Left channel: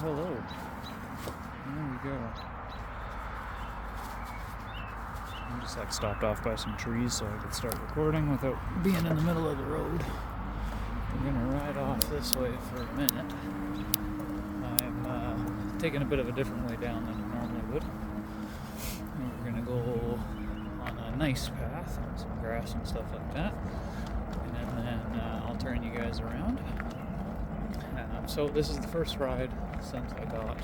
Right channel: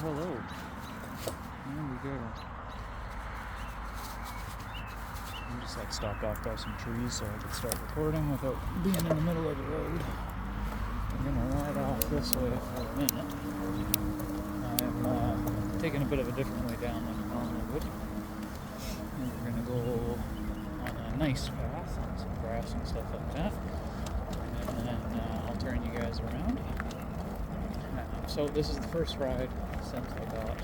hello. There we go. I just got stopped off by some trees so I could start recording without being in the middle of the road. We're gonna ride off this way for a minute. I'm taking a bit of a different way down than I normally would. And we're gonna go on a nice path and some grass and stuff like that. And then I'll turn you guys around. So this is the first ride since I got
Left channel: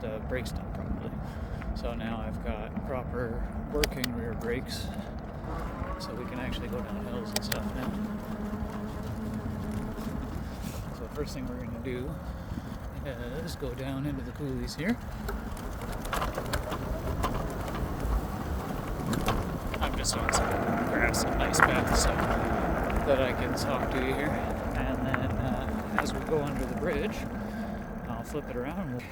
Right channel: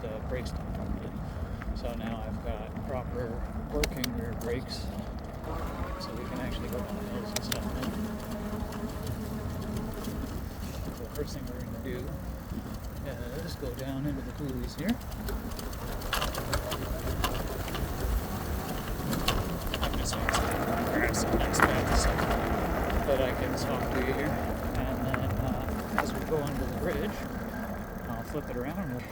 the brakes done properly. So now I've got proper working rear brakes, so we can actually go down hills and stuff now. So the first thing we're going to do is go down into the coulees here. I'm just on some grass and nice paths so that I can talk to you here. And then as we go under the bridge, I'll flip it around and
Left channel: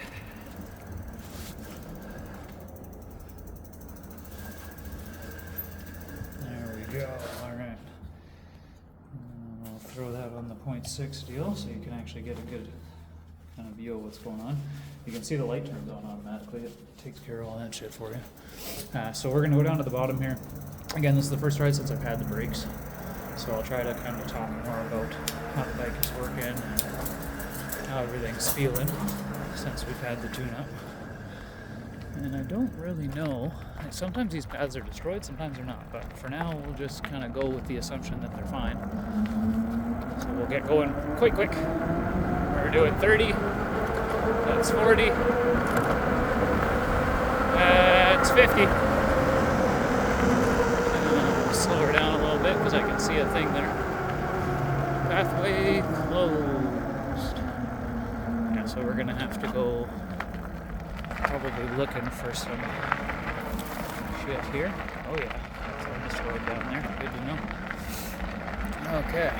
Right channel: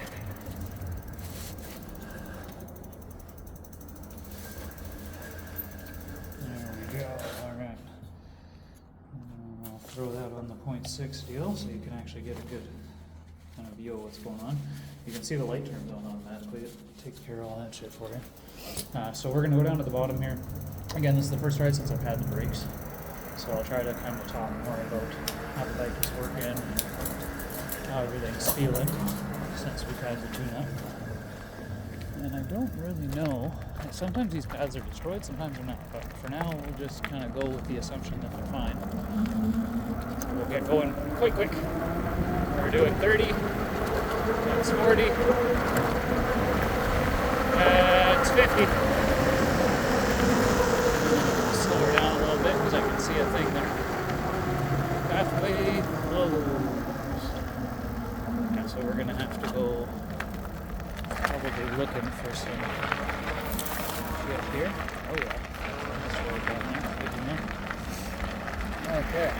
there we go, alright. I'll throw that on the 0.6 deal so you can actually get a good kind of view of what's going on. You can see the light turns on automatically. It takes care of all that shit for you. So we're going to go down to the bottom here. Again, this is the first ride since I've had the brakes. So I'll try to kind of talk more about how the bike is working and how everything's feeling since we've had the tune-up. And I don't really know. Sometimes these pads are destroyed, sometimes they're not. But for now, we'll just kind of go with the assumption that they're fine. So we'll get going quick. We're doing 30. That's 40. That's 50. Slow down a little bit because I can see a thing there. Pathway closed. Yeah, so we're gonna have to go probably looking for some shit here. Oh yeah, that's this road down there. Good to know. Okay.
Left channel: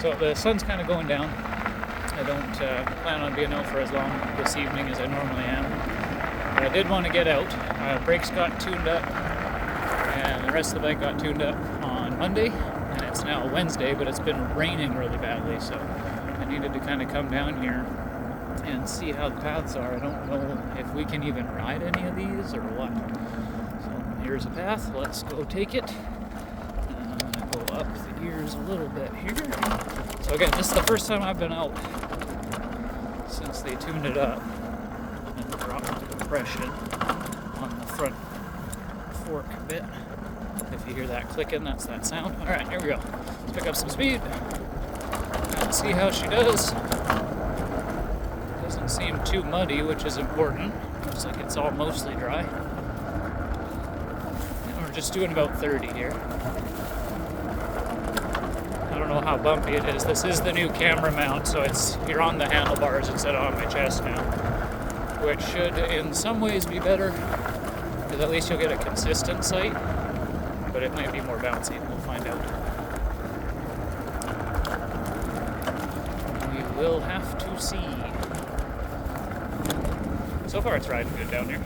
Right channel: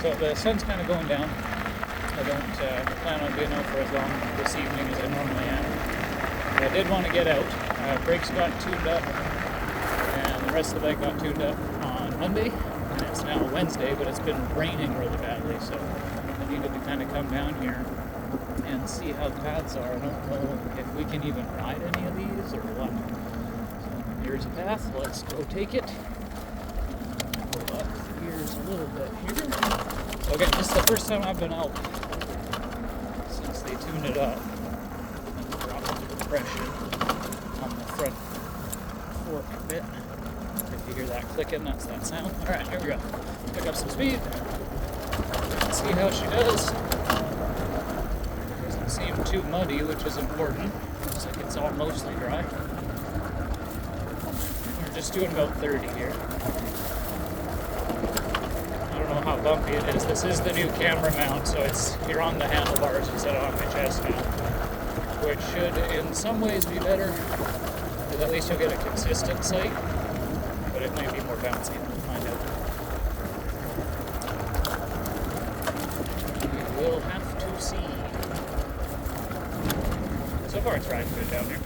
So the sun's kind of going down. I don't plan on being out for as long this evening as I normally am. But I did want to get out. Brakes got tuned up. And the rest of the bike got tuned up on Monday, and it's now Wednesday, but it's been raining really badly, so I needed to kind of come down here and see how the paths are. I don't know if we can even ride any of these or what. So here's a path, let's go take it. And I'm going to go up the gears a little bit here. So again, this is the first time I've been out since they tuned it up and dropped the compression on the front fork bit. If you hear that clicking, that's that sound. Alright, here we go. Pick up some speed and see how she does. Doesn't seem too muddy, which is important. Looks like it's all mostly dry. And we're just doing about 30 here. I don't know how bumpy it is. This is the new camera mount, so you're on the handlebars instead of on my chest now, which should in some ways be better. At least you'll get a consistent sight, but it might be more bouncy. We'll find out. We will have to see. So far it's riding good down here.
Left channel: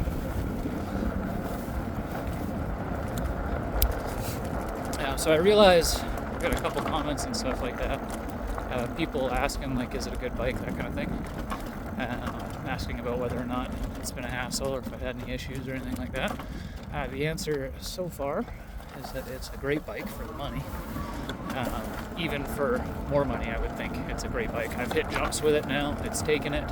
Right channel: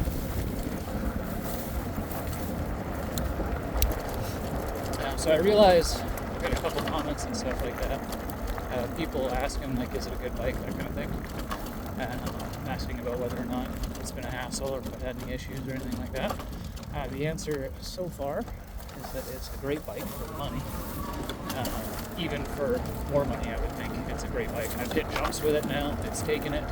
So I realize I've got a couple comments and stuff like that. People asking like, is it a good bike, that kind of thing. Asking about whether or not it's been a hassle or if I had any issues or anything like that. The answer so far is that it's a great bike for the money. Even for more money, I would think it's a great bike. I've hit jumps with it now. It's taken it.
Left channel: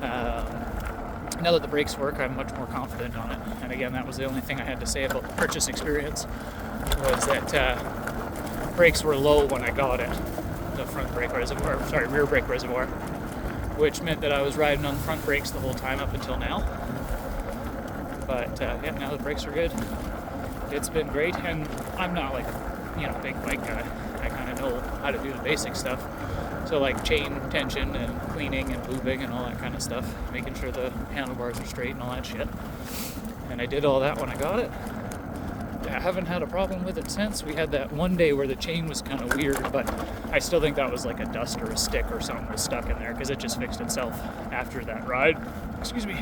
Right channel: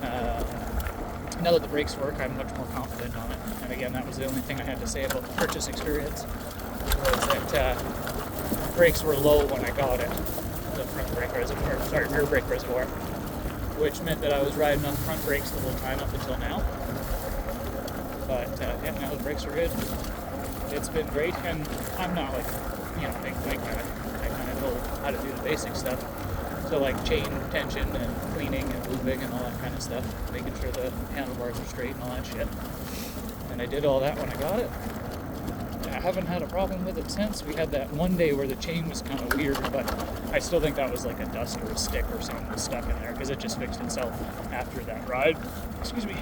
Now that the brakes work, I'm much more confident on it. And again, that was the only thing I had to say about the purchase experience, was that brakes were low when I got it. The rear brake reservoir. Which meant that I was riding on the front brakes the whole time up until now. But yeah, now the brakes are good. It's been great, and I'm not like, big bike guy. I kind of know how to do the basic stuff. So like chain tension and cleaning and lubing and all that kind of stuff, making sure the handlebars are straight and all that shit. And I did all that when I got it. I haven't had a problem with it since. We had that one day where the chain was kind of weird, but I still think that was like a dust or a stick or something was stuck in there because it just fixed itself after that ride. Excuse me.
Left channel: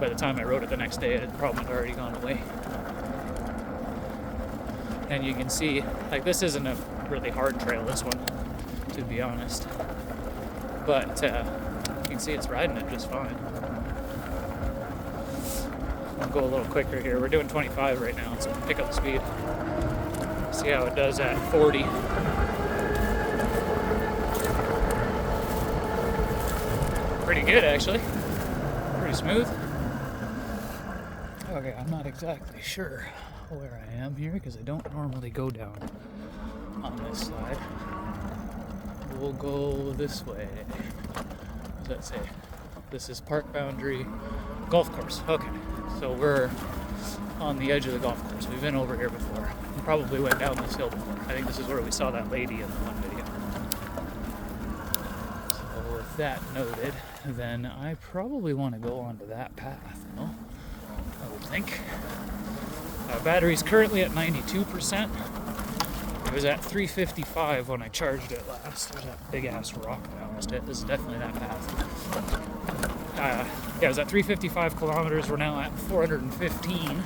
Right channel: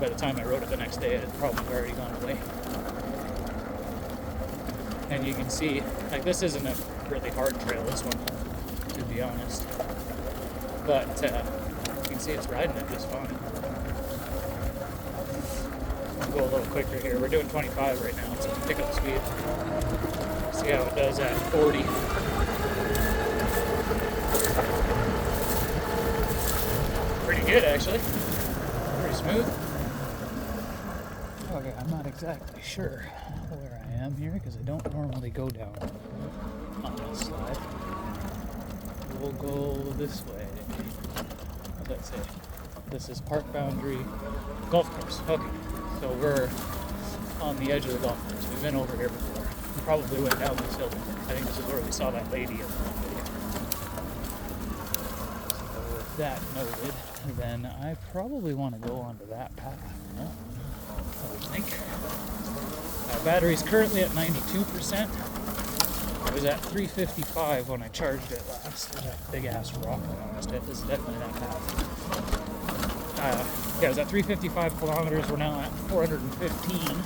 By the time I rode it the next day, it had probably already gone away. And you can see, like, this isn't a really hard trail, this one, to be honest. but you can see it's riding it just fine. I'll go a little quicker here. We're doing 25 right now, so pick up the speed. See how it does at 40. Pretty good, actually. Pretty smooth. Okay, I'm not exactly sure where I am here because I don't normally go down on this slide. We'll go this way. What does that say? This is park boundary golf course. Okay, so we're on the edge of the golf course. We've been over here before. We probably went down this hill before. I think this is where we saw that lady in the one video. So with that noted, then I probably want to go onto that path, no? I would think. Our battery's currently at 92%. It was at 355 when I charged it last. There's that big ass rock around it. This is definitely that path. Yeah, it was at 355 kilometers. We're now at 415.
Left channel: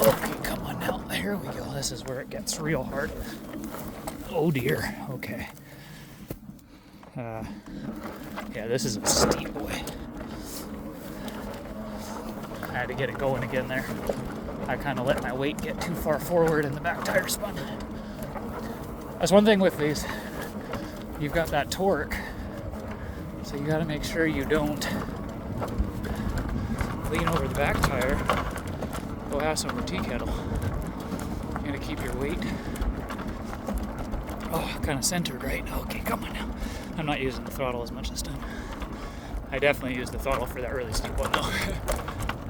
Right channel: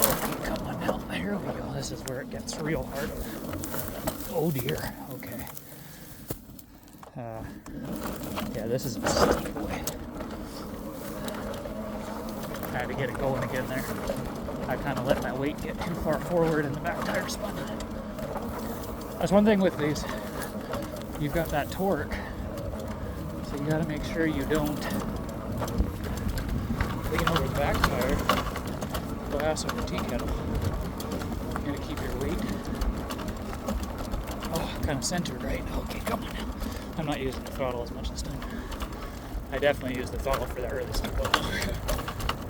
Okay, come on now. Here we go. This is where it gets real hard. Oh dear. Okay. Yeah, this is a steep way. I had to get it going again there. I kind of let my weight get too far forward and the back tire spun. That's one thing with these. You've got that torque, so you got to make sure you don't lean over the back tire. Go have some tea kettle. You gotta keep your weight kind of centered, right? Okay, come on now. I'm not using the throttle as much this time. I definitely used the throttle for that really steep one though.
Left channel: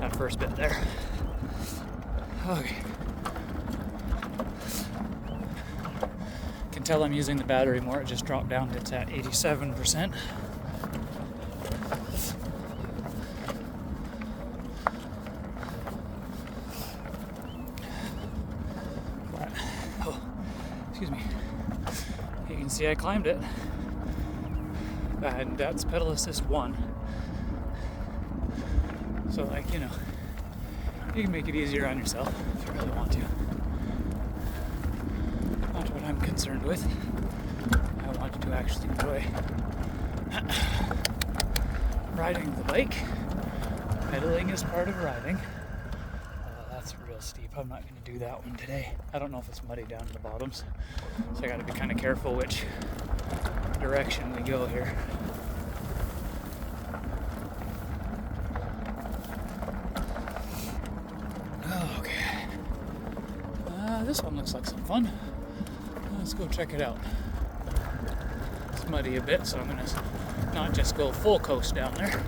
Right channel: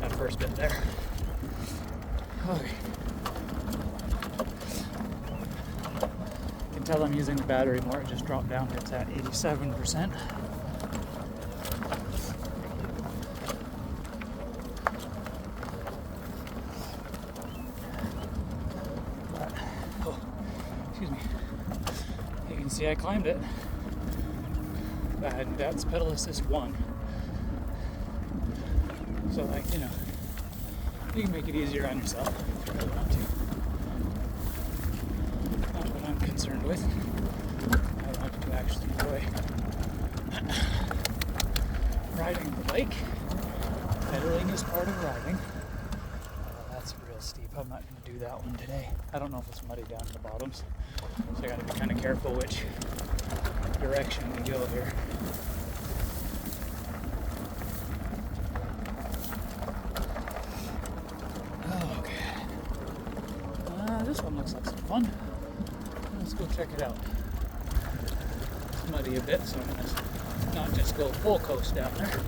That first bit there. Okay. Can tell I'm using the battery more. It just dropped down. It's at 87%. Oh, excuse me. You can see I climbed it. And that's pedal assist 1. So, like, you know, you can make it easier on yourself if you really want to. That's what I'm concerned with. I want to actually enjoy riding the bike. Pedaling is part of riding. Oh, that's real steep. I'm not going to do that one today. I don't know if it's muddy down in the bottoms, so I got to be kind of careful which direction we go here. This one looks like some fun. Let's go check it out. It's muddy a bit, so I'm going to not just go full coast down there.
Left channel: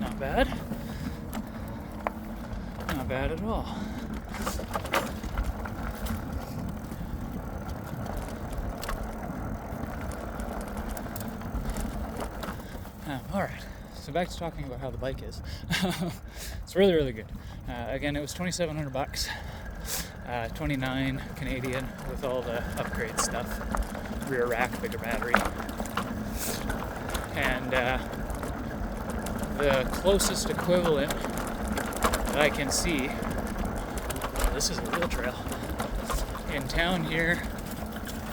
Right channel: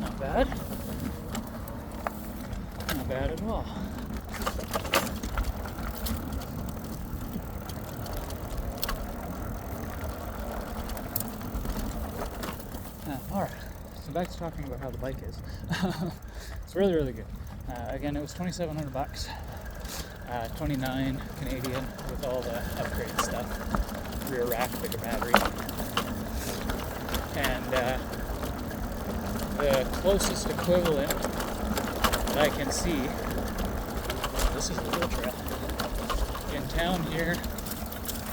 Not bad. Not bad at all. Alright. So back to talking about how the bike is. It's really, really good. Again, it was $2,700, 29 Canadian with all the upgrade stuff, rear rack, bigger battery, and the closest equivalent that I can see. This is a real trail in town here,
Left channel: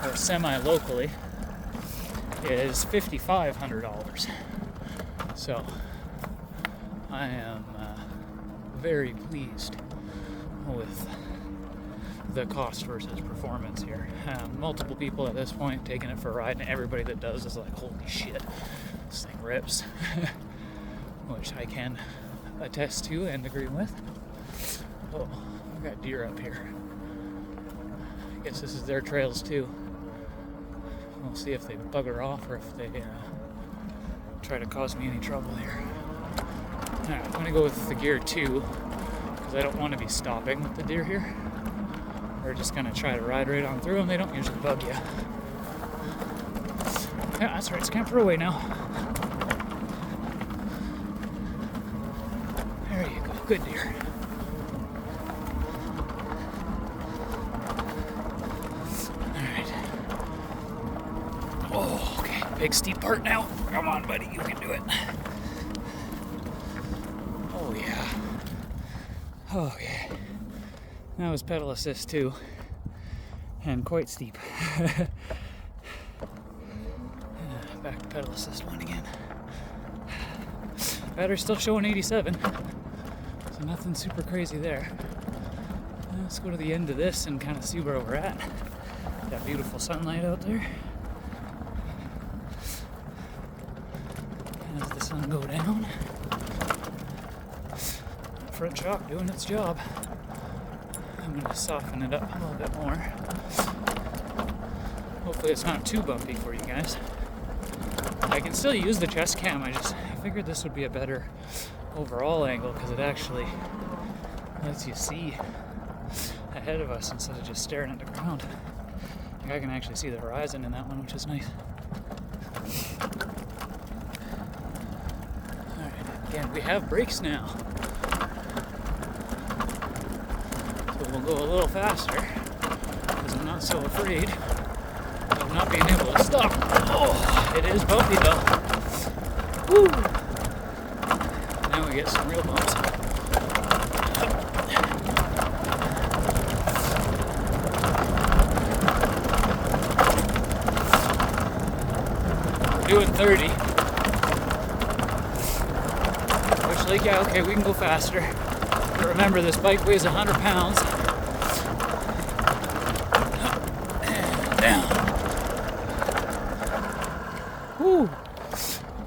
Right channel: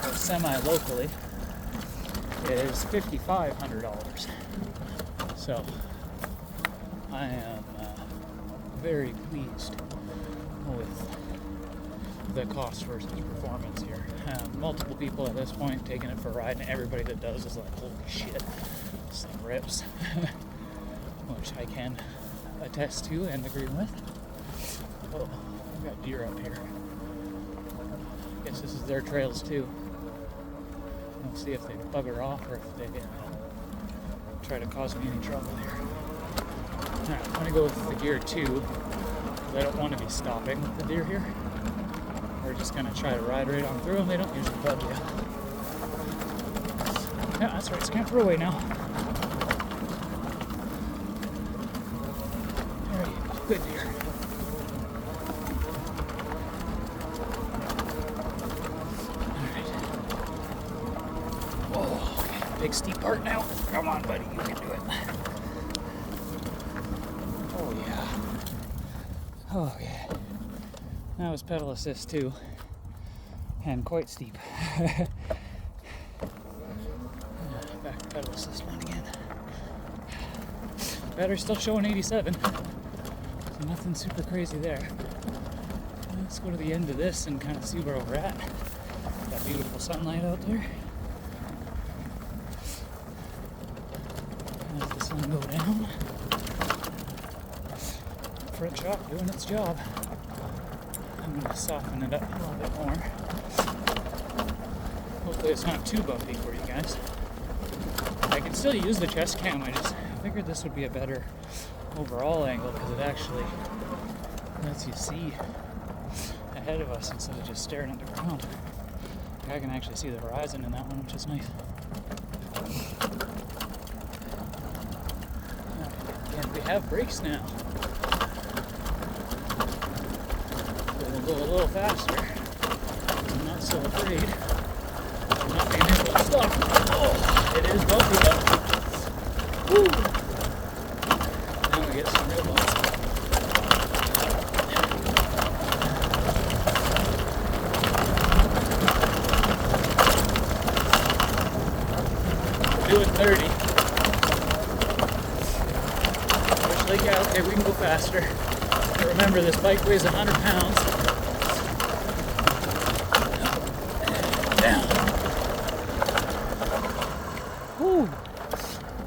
or semi-locally, is $5,500. So, I am very pleased with the cost versus performance here. Multiple people at this point taking it for a ride, and everybody that does is like, holy shit, this thing rips. Which I can attest to and agree with. Oh, we've got deer up here. I guess this is their trails too. We'll see if they bugger off or if they try to cause me any trouble here. Alright, I'm going to go with the gear 2 because I don't want to be stopping with the deer here. We're just going to try to ride right on through them. They don't usually bug you. Yeah, that's right. It's camper away now. There you go. Good deer. Alright. Oh, okay. Big steep part now. Come on, buddy. You can do it. Oh, yeah. Oh, yeah. That was pedal assist too, and quite steep. Back to pedal assist one again. Battery's still showing 87, so nothing super crazy there. Let's go to the end of this and kind of see where we're at. That beautiful sunlight out there. As the sun go down. Front shock doing its job. I'm going to soften it up a little bit more. Hopefully it's not too bumpy for you guys. I can still use the chest cam, I figured this would be a better overall angle because it actually lets you see ahead of us instead of just staring at the ground. I can actually see the horizon in that one, which is nice. Alright, again, we have brakes now. So we'll go a little faster because I'm not so afraid of not being able to stop. Oh, it is bumpy though. Woo! Now we get some real bumps. Doing 30. Which, like, yeah, okay, we can go faster. But remember, this bike weighs 100 pounds. Down. Woo!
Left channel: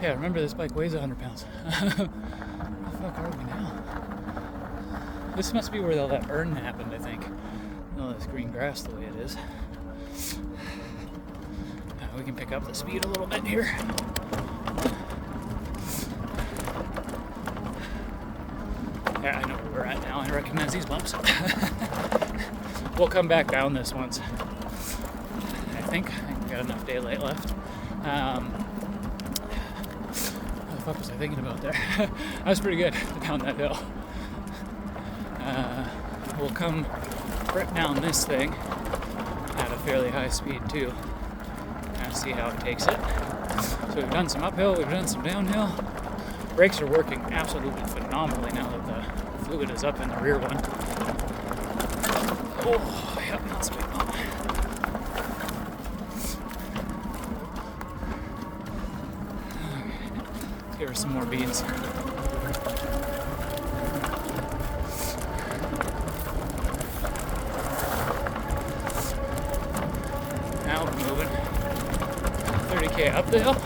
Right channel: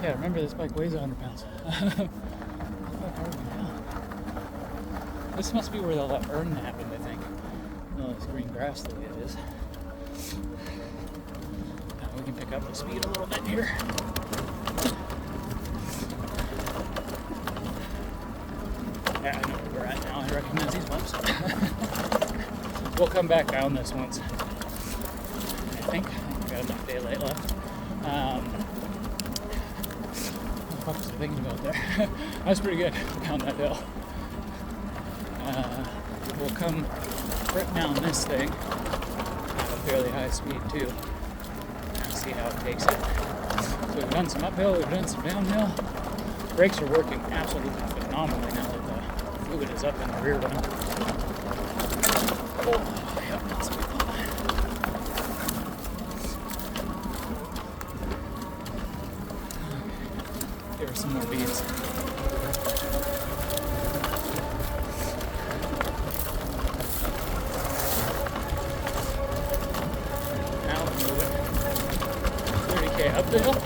Yeah, remember, this bike weighs 100 pounds. What the fuck are we now? This must be where all that burn happened, I think. Oh, this green grass the way it is. We can pick up the speed a little bit here. I know where we're at now. I recognize these bumps. We'll come back down this once. I think we got enough daylight left. What the fuck was I thinking about there? That was pretty good down that hill. We'll come right down this thing at a fairly high speed too. See how it takes it. So we've done some uphill, we've done some downhill. Brakes are working absolutely phenomenally now that the fluid is up in the rear one. Oh, yeah, that's a big bump. Give her some more beads. Now we're moving. 30k up the hill.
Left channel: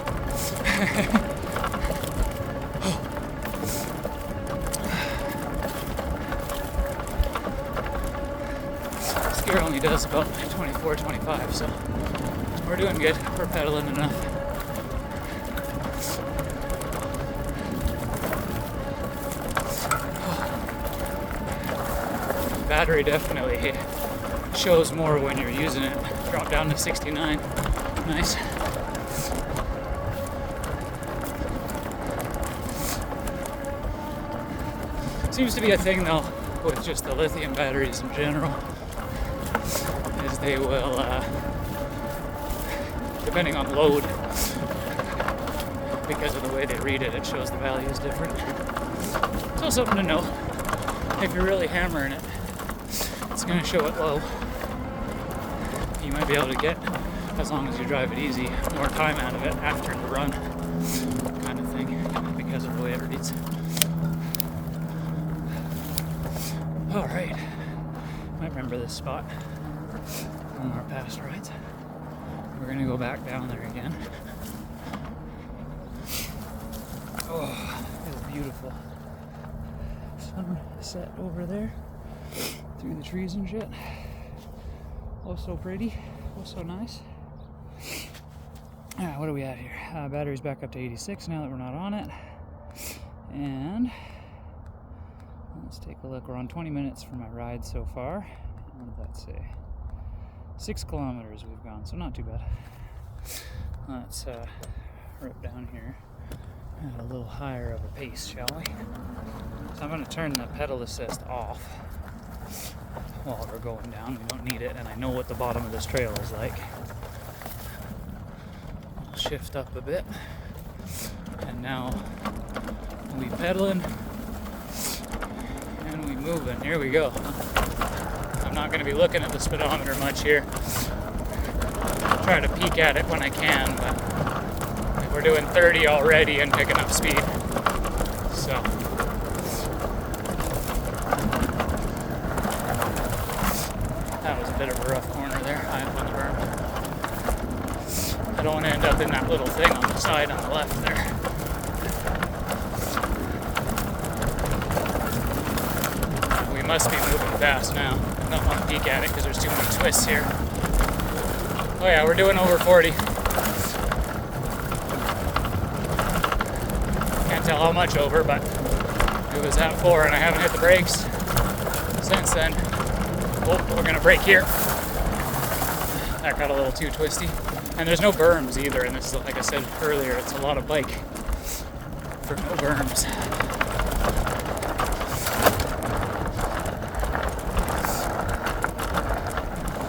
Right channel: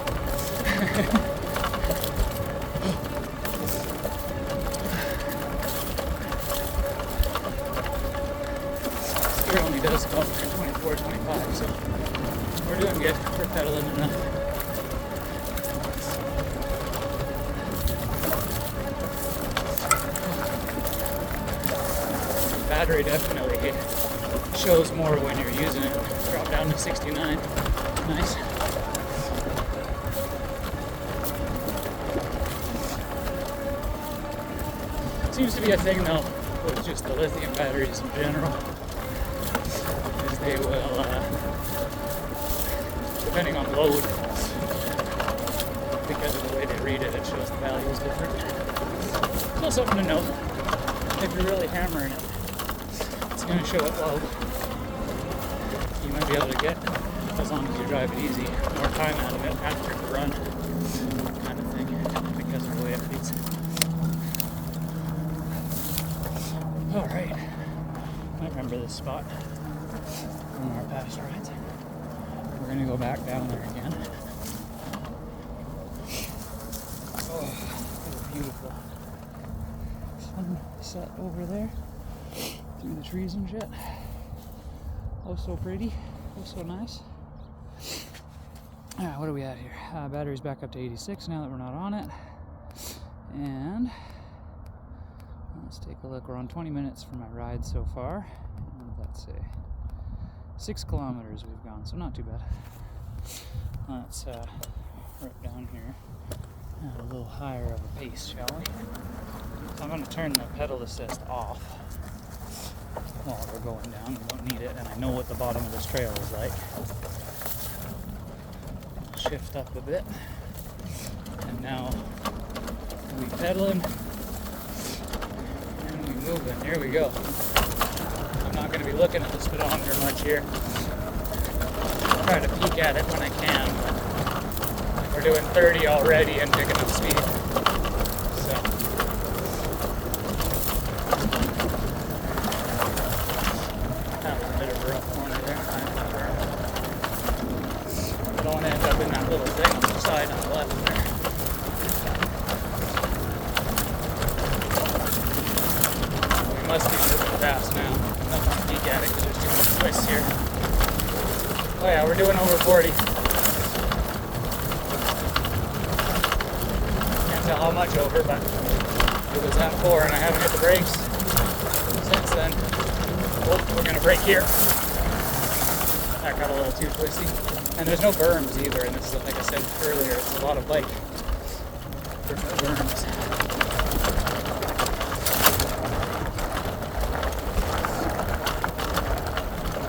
Steer only does about 24, 25, so we're doing good. We're pedaling enough. The battery definitely shows more when you're using it. Drop down to 69. Nice. Seems to be a thing though with just the lithium batteries in general, is they will, depending on load, because of the way they read it, it shows the values different. So something to know. If you're really hammering it, it's going to show it low. You might be able to get, as long as you drive it easy, more time out of it after the run, kind of thing, because of the way it reads. Alright, I remember this spot on our past rides. We're going to go back down there again. Oh, that is beautiful. Sunset over there, through the trees and shit. Oh, so pretty. Oh, so nice. Alright, what are we at here? Battery's back up to 86 now that we're not on it. And let's take a look. We're on 20 minutes for my ride so far. What did that say? 6 kilometers we've gone, so not too bad. Let's right down here at a little higher of a pace, shall we? So I'm going to turn the pedal assist off while we're going down. We don't need it, and I know what the bottom of this trail is like. I'll shift up a bit, and now we'll be pedaling. And we moving. Here we go. not going to be looking at the speedometer much here. Trying to peek at it when I can, but we're doing 30 already and picking up speed. So that was a bit of a rough corner there. I don't want to end up in that little thing on the side on the left there. We must be moving fast now. I'm not going to peek at it because there's too many twists here. Oh yeah, we're doing over 40. Can't tell how much over, but it was at 4 and I haven't hit the brakes since then. Oh, we're going to brake here. That got a little too twisty. And there's no berms either, and this is, like I said earlier, it's a lot of bike for no berms.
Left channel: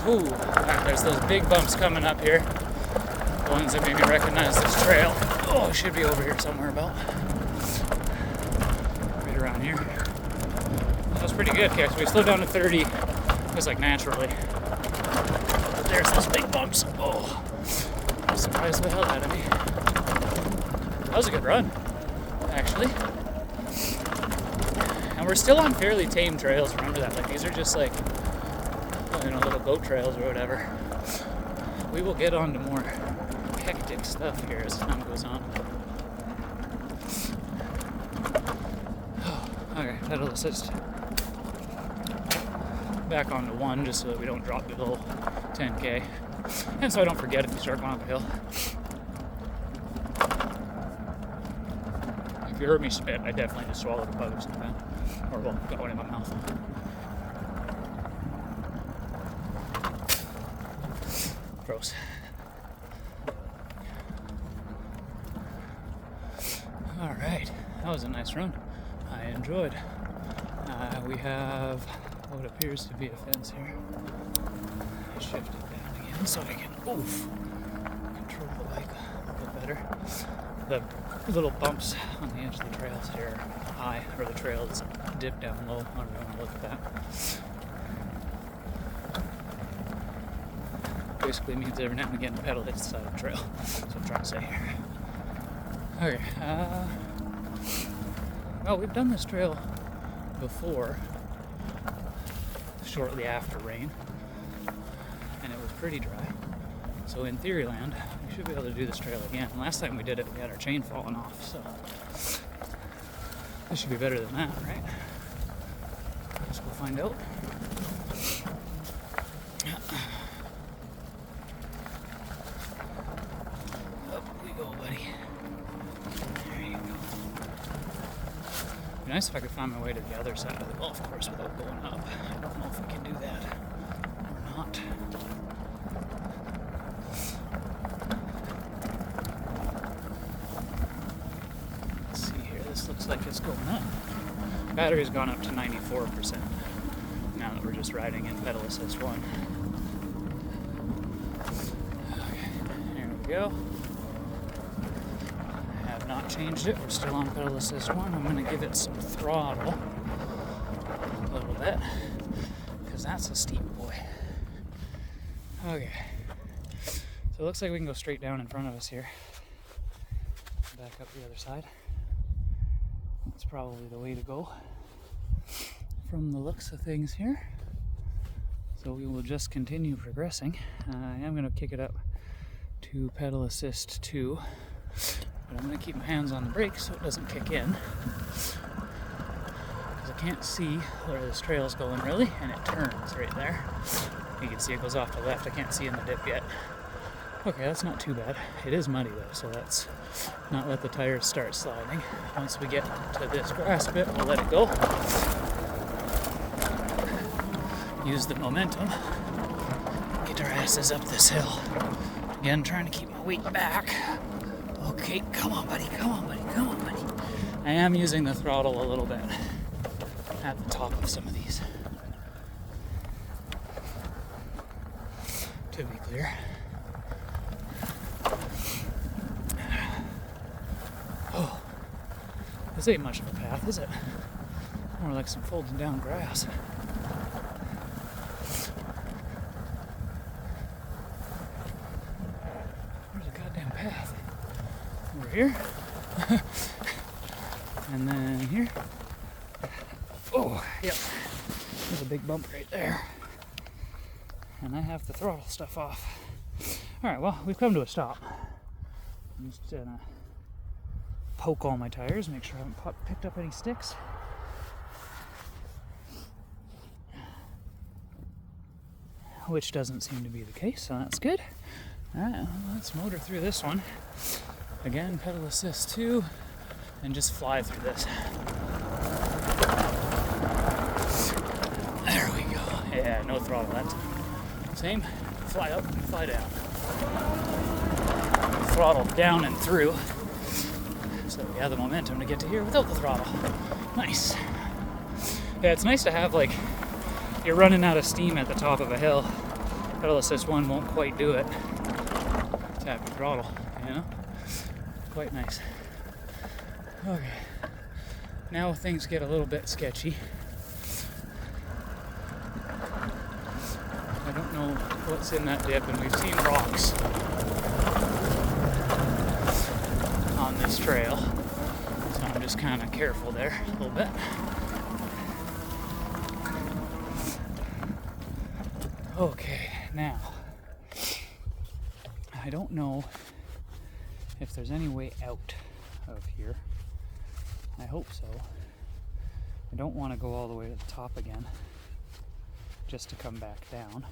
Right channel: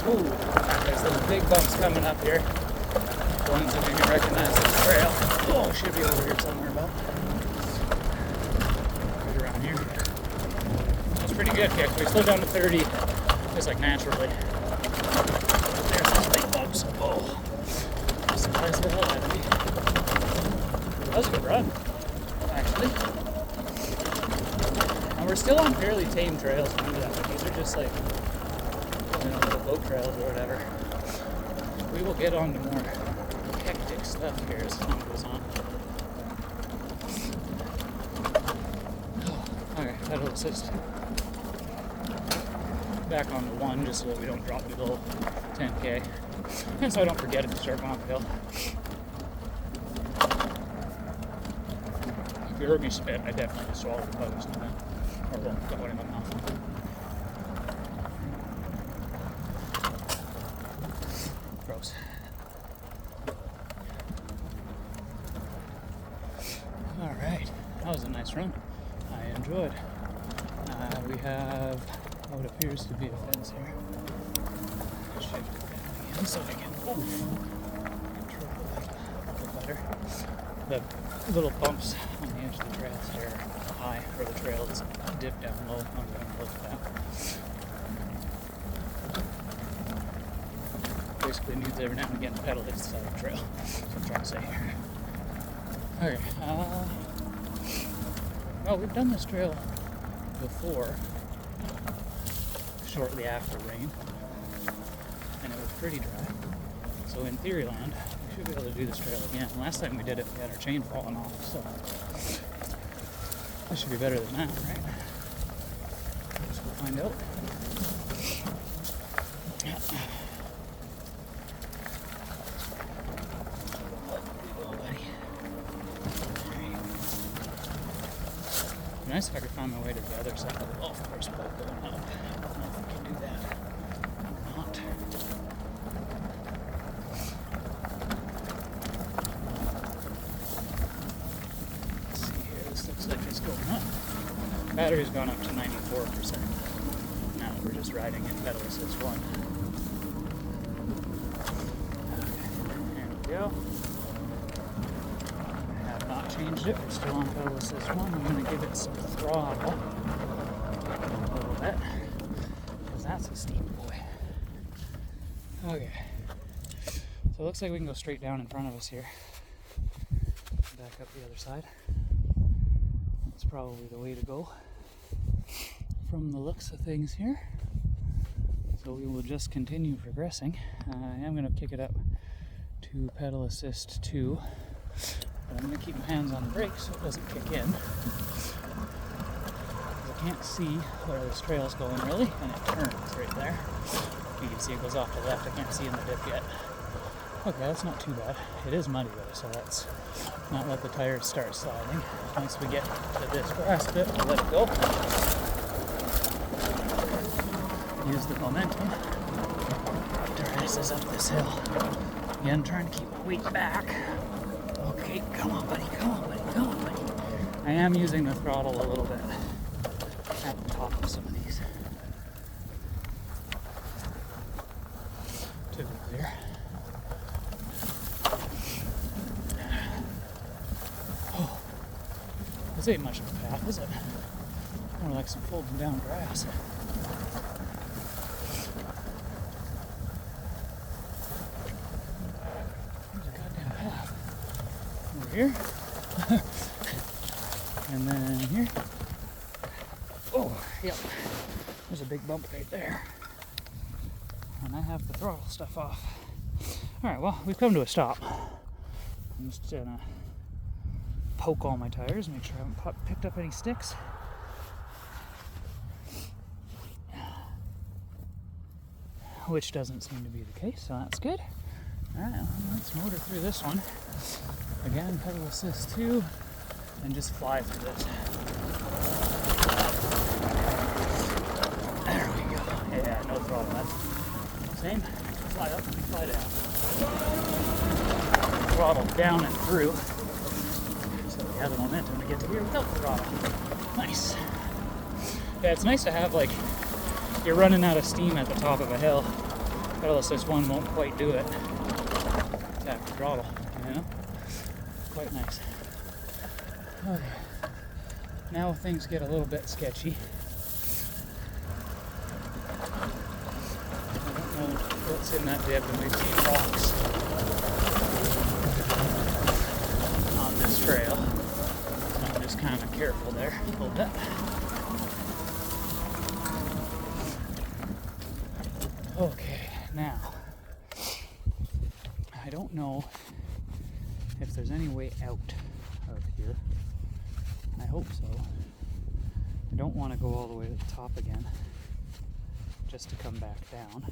Ooh, there's those big bumps coming up here. Ones that made me recognize this trail. Oh, should be over here somewhere about. Around here. That's pretty good, yeah, so we slowed down to 30 just like naturally. There's those big bumps. Oh, surprised the hell out of me. That was a good run, actually. And we're still on fairly tame trails. Remember that, like these are just like little goat trails or whatever. We will get on to more hectic stuff here as time goes on. Okay, pedal assist. Back onto 1 just so that we don't drop below 10k. And so I don't forget if we start going up the hill. If you heard me spit, I definitely just swallowed the powder sometime. Or won't go in my mouth. Gross. Alright, that was a nice run. I enjoyed. We have what appears to be a fence here. Shift it back again so we can control the bike a bit better. The little bumps on the edge of the trails here are high, or the trails dip down low. I'm going to look at that. Basically means every now and again the pedal hits the side of the trail. That's what I'm trying to say here. Okay. Well, we've done this trail before, shortly after rain, and it was pretty dry. So in theory land, we should be able to do this trail again. And last time we did it, we had our chain falling off, so this should be better than that, right? Let's go find out. It'd be nice if I could find my way to the other side of the golf course without going up. I don't know if we can do that or not. Let's see here, this looks like it's going up. Battery's gone up to 94%. Now that we're just riding in pedal assist 1. Okay, here we go. Changed it. We're still on pedal assist 1. I'm going to give it some throttle a little bit because that's a steep boy. Okay, so it looks like we can go straight down in front of us here. Back up the other side. That's probably the way to go from the looks of things here. So we will just continue progressing. I am going to kick it up to pedal assist 2. But I'm going to keep my hands on the brakes so it doesn't kick in. Because I can't see where this trail's going really, and it turns right there. You can see it goes off the left. I can't see in the dip yet. Okay, that's not too bad. It is muddy though, so let's not let the tires start sliding. Once we get to this grass bit, we'll let it go. Use the momentum. Get our asses up this hill. Again, trying to keep my weight back. Okay, come on, buddy, come on, buddy, come on, buddy. I am using the throttle a little bit at the top of some of these. To be clear. Oh, this ain't much of a path, is it? More like some folding down grass. over here. And then here. Oh, yep. There's a big bump right there. And I have the throttle stuff off. Alright, well, we've come to a stop. I'm just gonna poke all my tires, make sure I haven't picked up any sticks. Which doesn't seem to be the case, so that's good. Alright, well, let's motor through this one. Again, pedal assist 2, and just fly through this. There we go. Yeah, no throttle. That's same. Fly up, fly down. Throttle down and through. So we have the momentum to get to here without the throttle. Nice. Yeah, it's nice to have, like, you're running out of steam at the top of a hill. Pedal assist 1 won't quite do it. Tap the throttle, you know? Quite nice. Okay. Now things get a little bit sketchy. I don't know what's in that dip, and we've seen rocks on this trail. So I'm just kind of careful there a little bit. Okay, now, I don't know if there's any way out of here. I hope so. I don't want to go all the way to the top again just to come back down.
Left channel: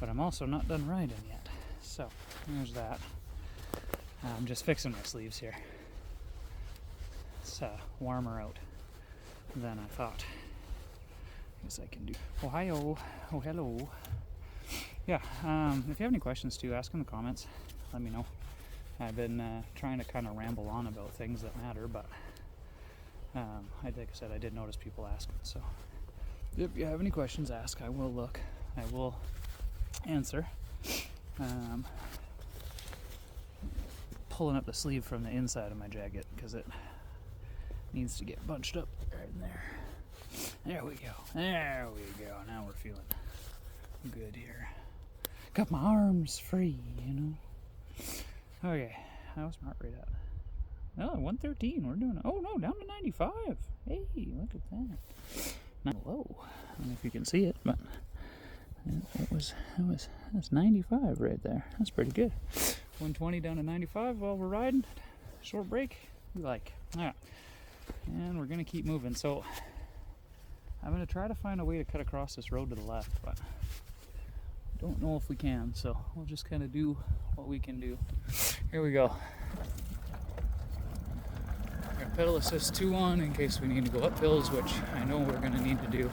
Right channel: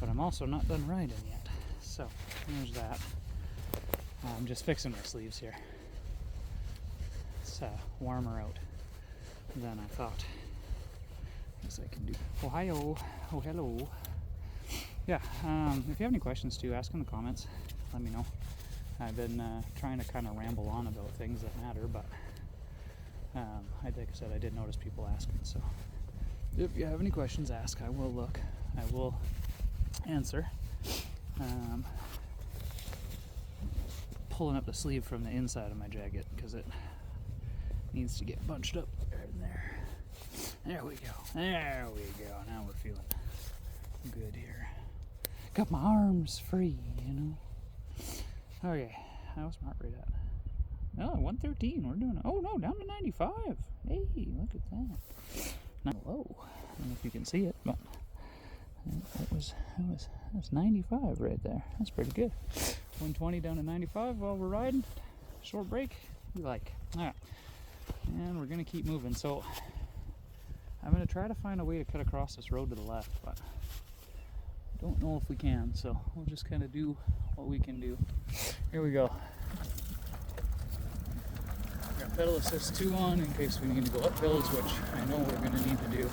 But I'm also not done riding yet. So, here's that. I'm just fixing my sleeves here. It's warmer out than I thought. I guess I can do. Ohio. Oh, hello. Yeah, if you have any questions too, ask in the comments. Let me know. I've been trying to kind of ramble on about things that matter, but like I said, I did notice people asking. So if you have any questions, ask. I will look. I will answer. Pulling up the sleeve from the inside of my jacket because it needs to get bunched up right in there. There we go. There we go. Now we're feeling good here. Got my arms free, you know. Okay, how's my heart rate at? Oh, 113. We're doing. Oh no, down to 95. Hey, look at that. Not low. I don't know if you can see it, but it was 95 right there. That's pretty good. 120 down to 95 while we're riding. Short break. We like. All right, and we're gonna keep moving. So I'm gonna try to find a way to cut across this road to the left, but I don't know if we can, so we'll just kind of do what we can do. Here we go. Got pedal assist 2 on in case we need to go up hills, which I know we're going to need to do.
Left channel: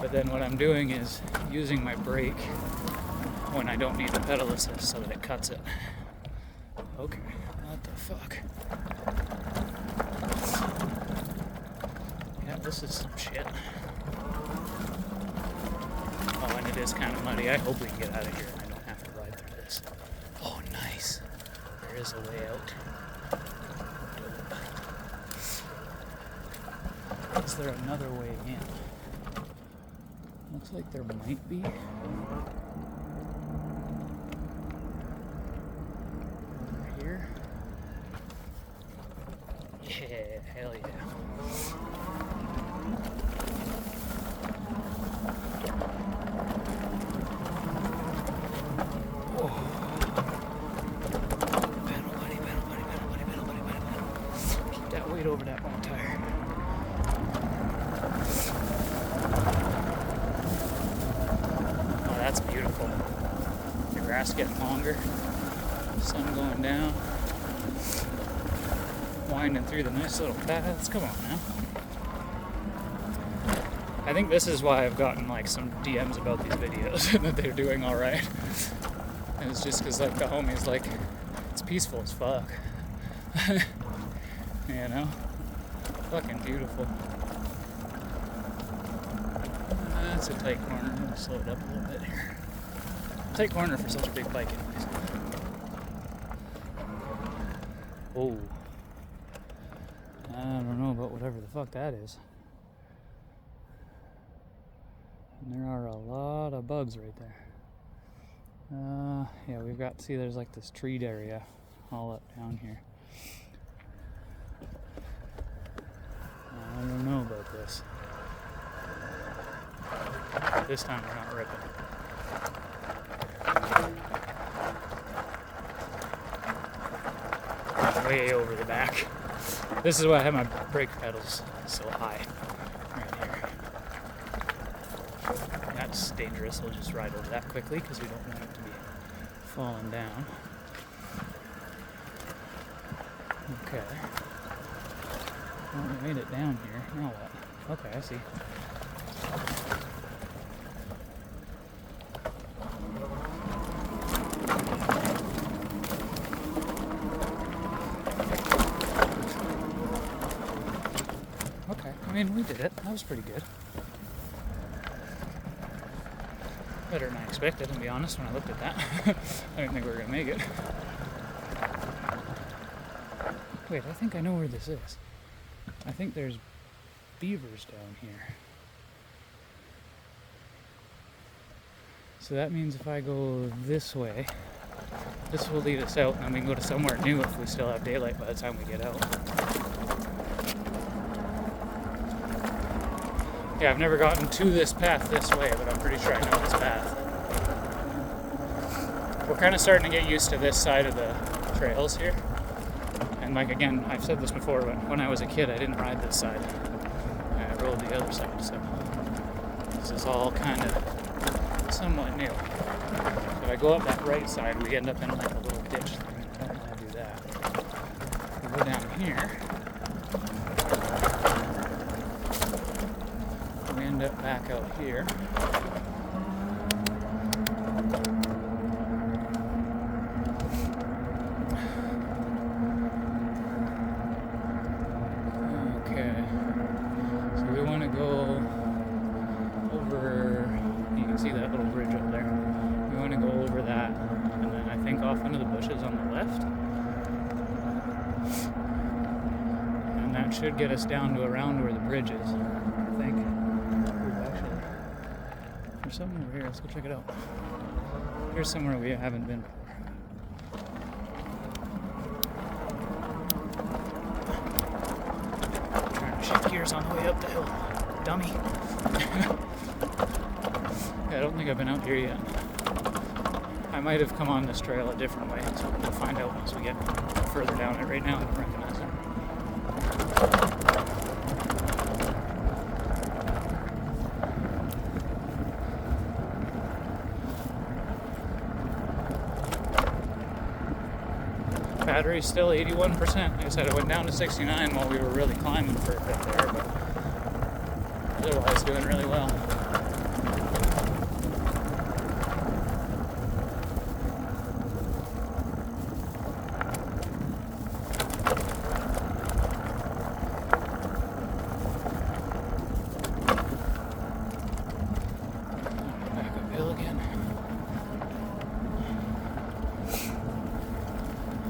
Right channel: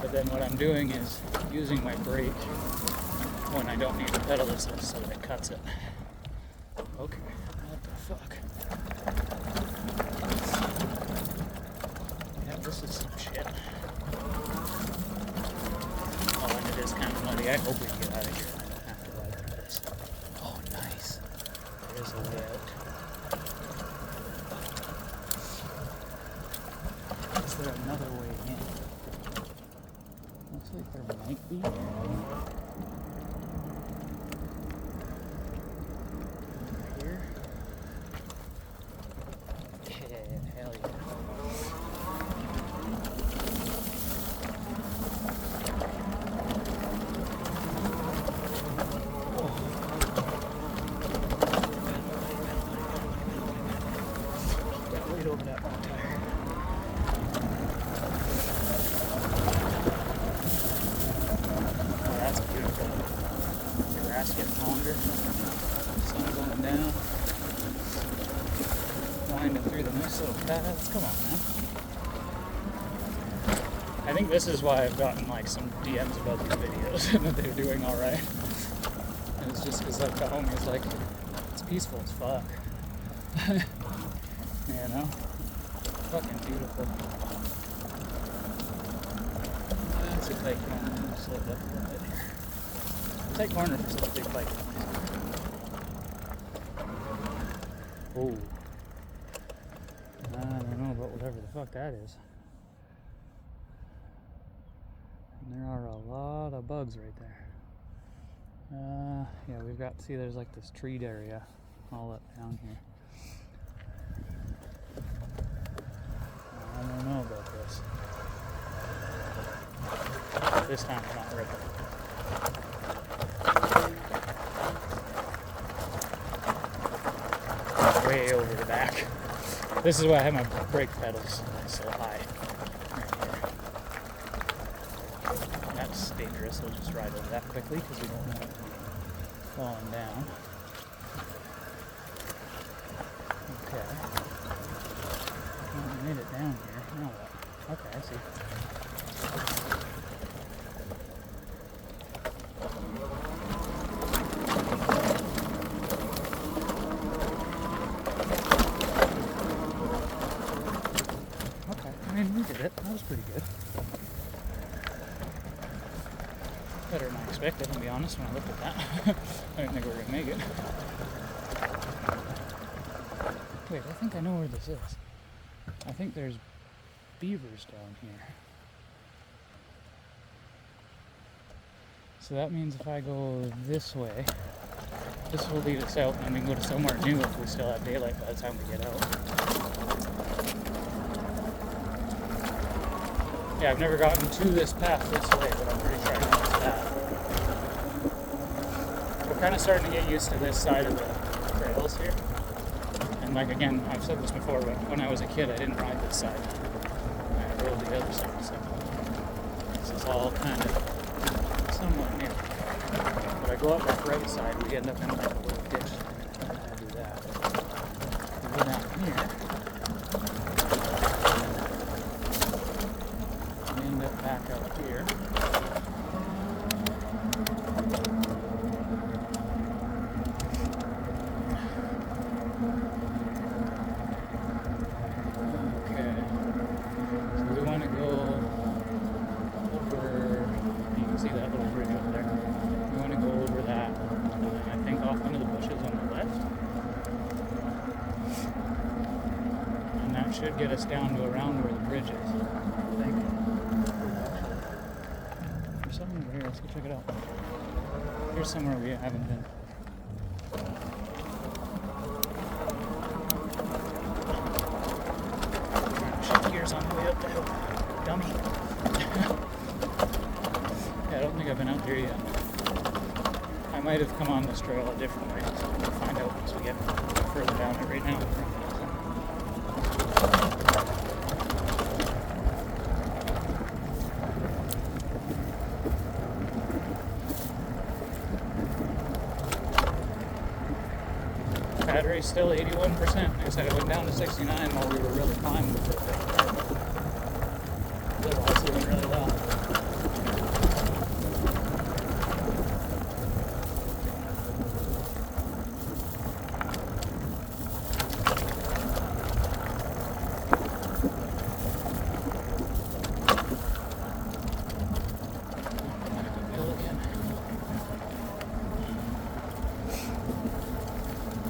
But then what I'm doing is using my brake when I don't need the pedal assist so that it cuts it. Okay, what the fuck? Yeah, this is some shit. Oh, and it is kind of muddy. I hope we can get out of here and I don't have to ride through this. Oh, nice. There is a way out. Is there another way in? Looks like there might be. Over here. Yeah, hell yeah. Over that back tire. Oh, that's beautiful. The grass getting longer, sun going down, winding through the nice little paths. Come on, man. I think this is why I've gotten like some DMs about these videos and that they're doing all right. And it's just because like the homie's like, it's peaceful as fuck. You know? Fucking beautiful. That's a tight corner. I'm gonna slow it up a little bit here. Tight corner for such a big bike. Oh. I don't know about whatever the fuck that is. And there are a lot of bugs right there. Yeah, we've got, see there's like this treed area all up down here. this. This time we're not ripping. Way over the back. This is why I have my brake pedals so high right here. And that's dangerous. We'll just ride over that quickly because we don't want it to be falling down. Okay. Well, we made it down here. Now what? Okay, I see. I mean, we did it. That was pretty good. Better than I expected, to be honest, when I looked at that. I didn't think we were going to make it. Wait, I think I know where this is. I think there's beavers down here. So that means if I go this way, this will lead us out, and then we can go to somewhere new if we still have daylight by the time we get out. Yeah, I've never gotten to this path this way, but I'm pretty sure I know this path. We're kind of starting to get used to this side of the trails here. And like again, I've said this before, but when I was a kid, I didn't ride this side. I rode the other side, so this is all kind of somewhat new. If I go up that right side, we end up in like a little ditch thing. I'm not going to do that. We go down here. We end up back out here. Okay. So we want to go over, you can see that little bridge over there. We want to go over that, and then I think off into the bushes on the left. And that should get us down to around where the bridge is, I think. There's something over here, let's go check it out. Here's somewhere we haven't been. Shift gears on the way up the hill. Dummy. Yeah, I don't think I've been out here yet. I might have come on this trail a different way, so we'll find out once we get further down it. Right now I don't recognize it. Battery's still 81%. Like I said, it went down to 69 while we were really climbing for a bit there, but otherwise doing really well.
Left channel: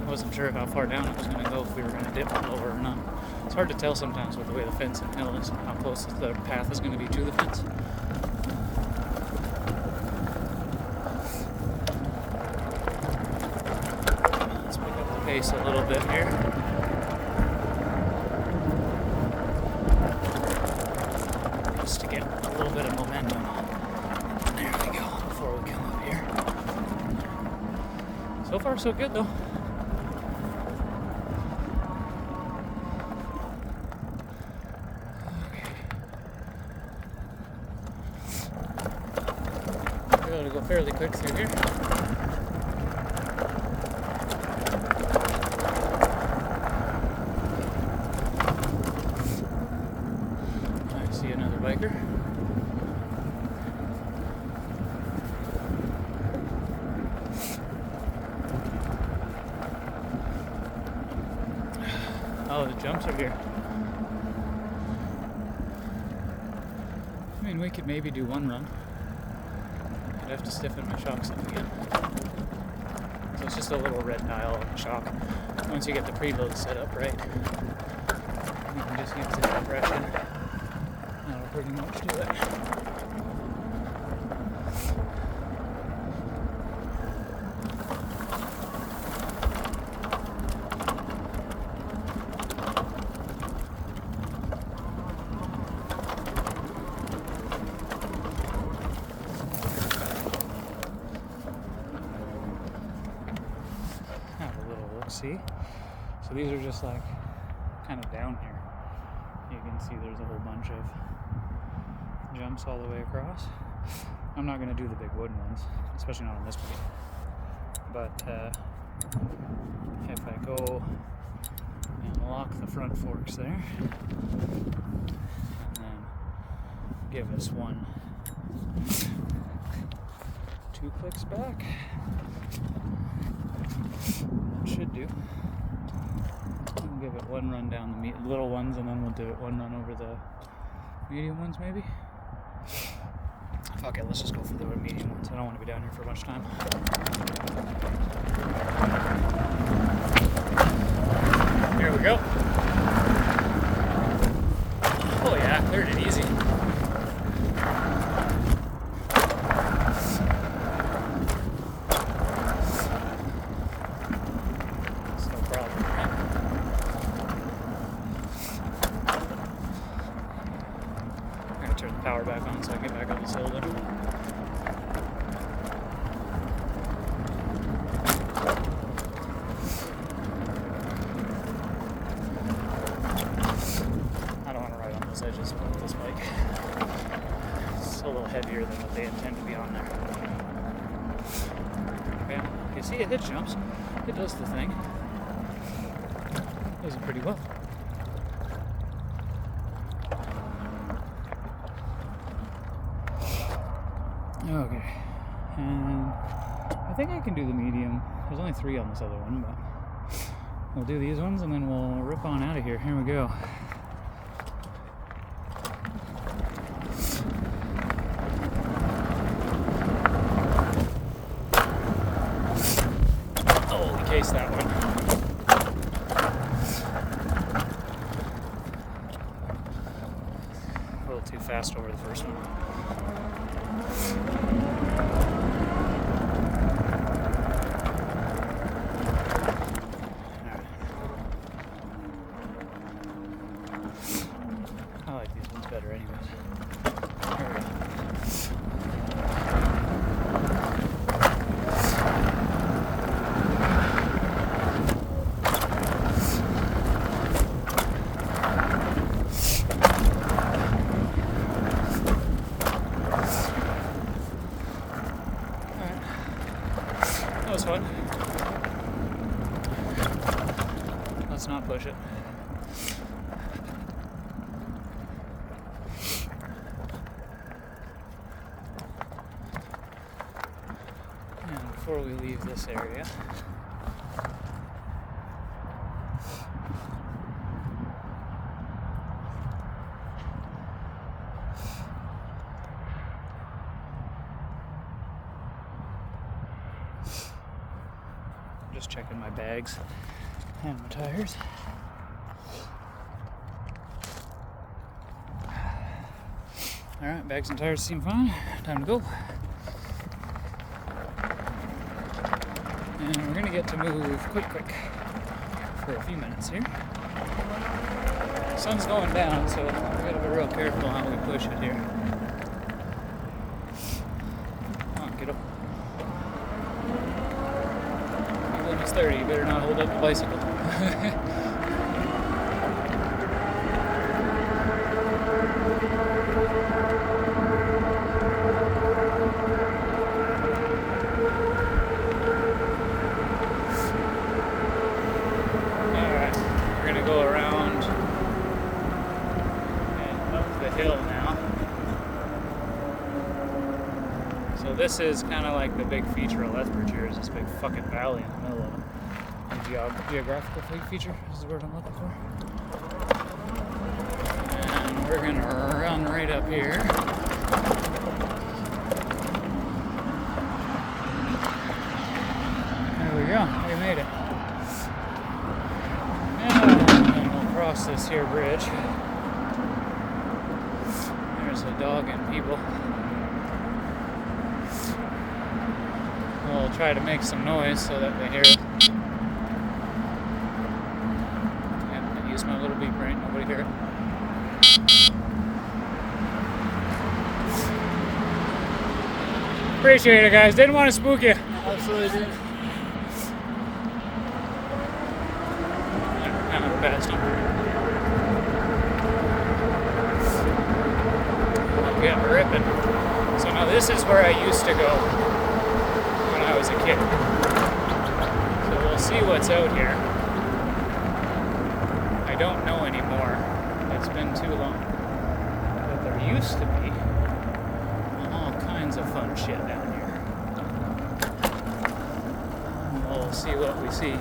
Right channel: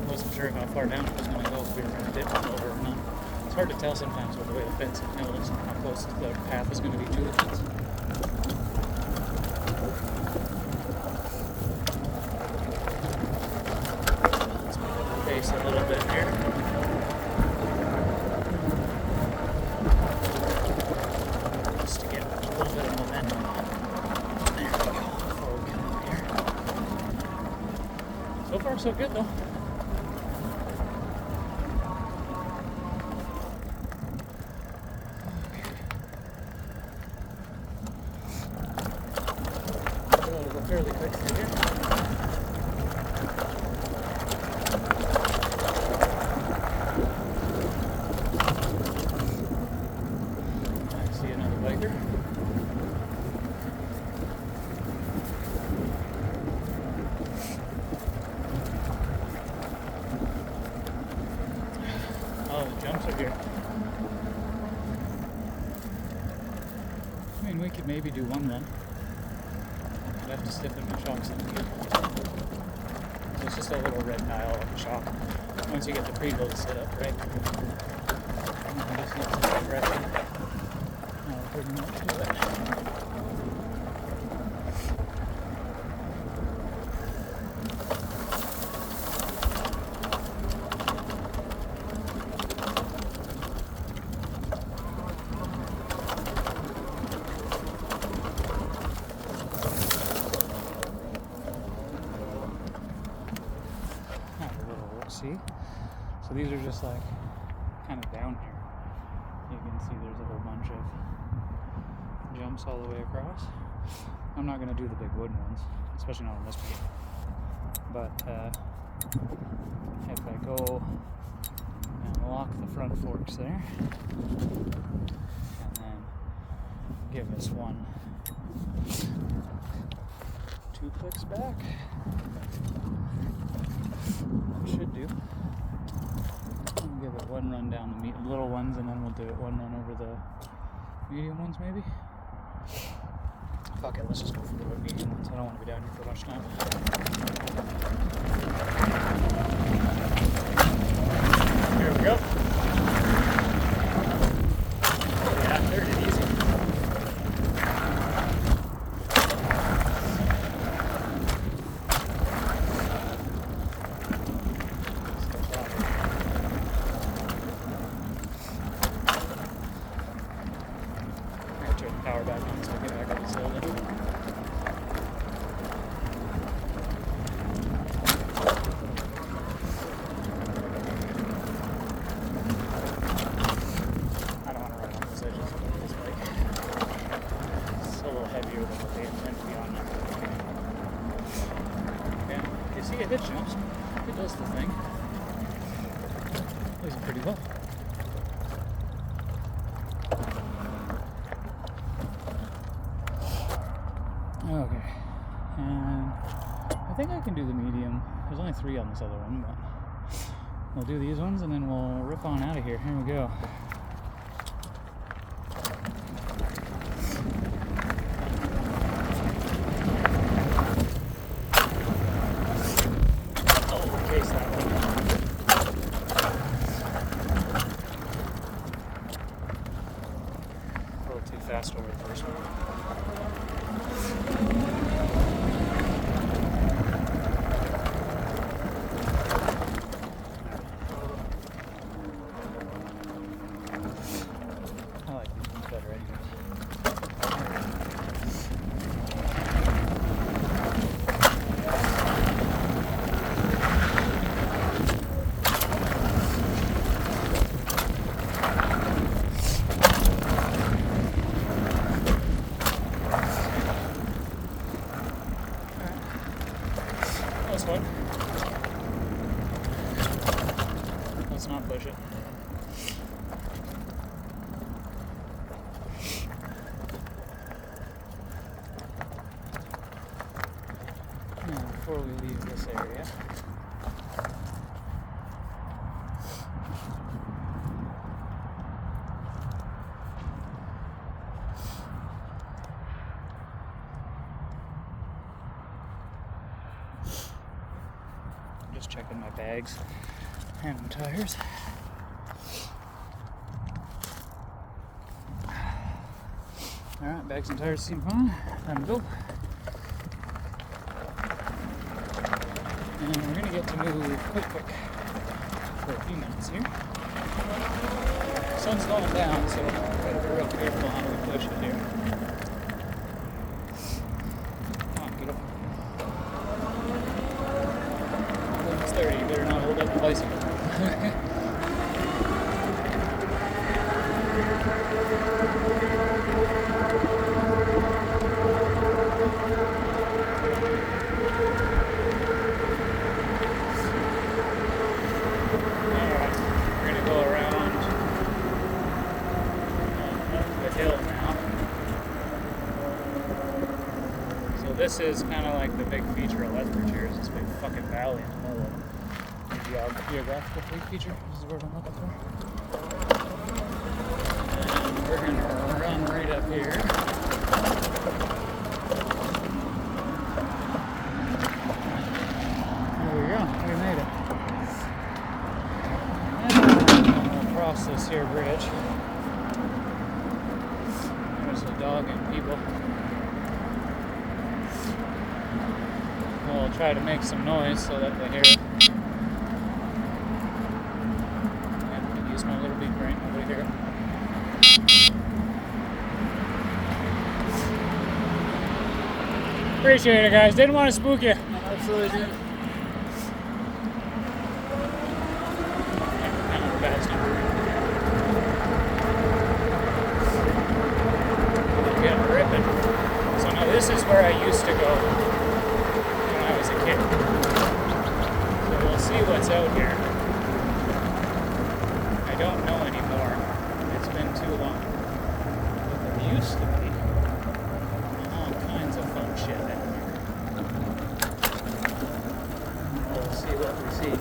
Wasn't sure how far down it was going to go, if we were going to dip lower or not. It's hard to tell sometimes with the way the fence and hill is, how close the path is going to be to the fence. Let's pick up the pace a little bit here. Just to get a little bit of momentum. There we go, before we come up here. So far so good though. Go fairly quick through here. I see another biker. Oh, the jumps are here. I mean, we could maybe do one run. I have to stiffen my shocks up again. So it's just a little red dial on the shock. Once you get the preload set up right, you can just use the pressure. Now we're pretty much to it. see. So these are just like kind of down here. You can see there's a whole bunch of jumps all the way across. I'm not going to do the big wooden ones, especially not on this one. But if I go and lock the front forks there, and then give us 2 clicks back, that should do. We'll give it one run down the little ones, and then we'll do it one run over the medium ones, maybe. Fuck it, let's just go for the one medium ones. I don't want to be down here for much time. Here we go. Oh yeah, cleared it easy. Turn the power back on so I can get back on the shoulder. I don't want to ride on those edges of this bike. It's a little heavier than what they intend to be on now. Okay, you see it jumps. It does the thing. It does it pretty well. Okay, I think I can do the medium. There's only 3 on this other one, but we'll do these ones and then we'll rip on out of here. Here we go. Oh, we cased that one. A little too fast over the first one. I like these ones better anyways. That was fun. Let's not push it. And before we leave this area, just checking my bags and my tires. Alright, bags and tires seem fine. Time to go. And we're going to get to move quick for a few minutes here. The sun's going down, so we've got to be real careful how we push it here. Come on, get up. When it's 30, you better not hold up the bicycle. This is kind of like the big feature of Lethbridge here, is this big fucking valley in the middle of it. The geographical feature, this is the word I'm looking for. And we're going to run right up here. There we go, we made it. And we'll cross this here bridge. There's a dog and people. We'll try to make some noise so that they hear it. I'll use my little beep right, nobody hear it. Appreciate it, guys. Didn't want to spook you. Absolutely did. fast number. Yeah, ripping. So now this is where I used to go when I was a kid. So we'll see what's out here. I don't know anymore. It's been too long. But there used to be all kinds of fun shit out here. We'll see what we see.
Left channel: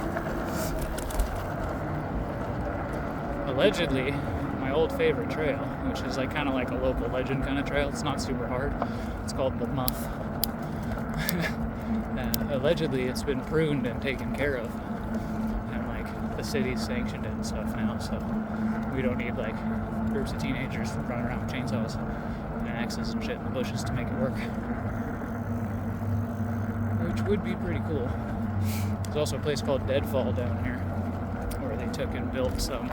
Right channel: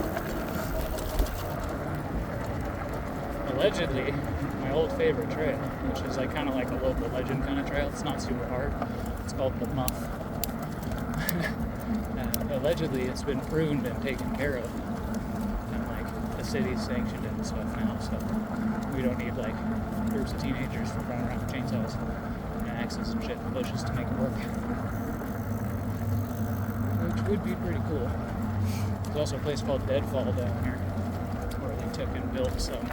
Allegedly, my old favorite trail, which is like kind of like a local legend kind of trail. It's not super hard. It's called the Muff. Allegedly, it's been pruned and taken care of, and like the city's sanctioned it and stuff now. So we don't need like groups of teenagers to run around with chainsaws and axes and shit in the bushes to make it work, which would be pretty cool. There's also a place called Deadfall down here where they took and built some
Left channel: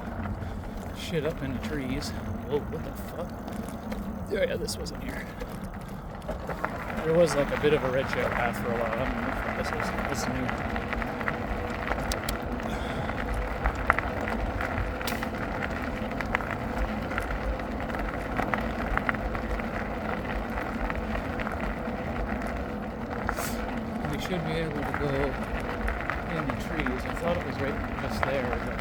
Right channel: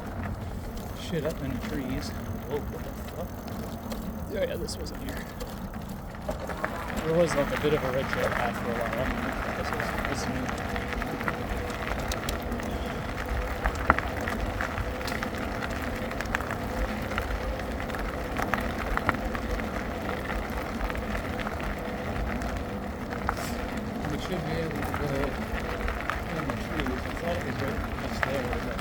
shit up in the trees. Whoa, what the fuck? Oh yeah, this wasn't here. There was like a bit of a red trail path for a while. I don't know what this is. This is new. We should be able to go in the trees. I thought it was right just there, but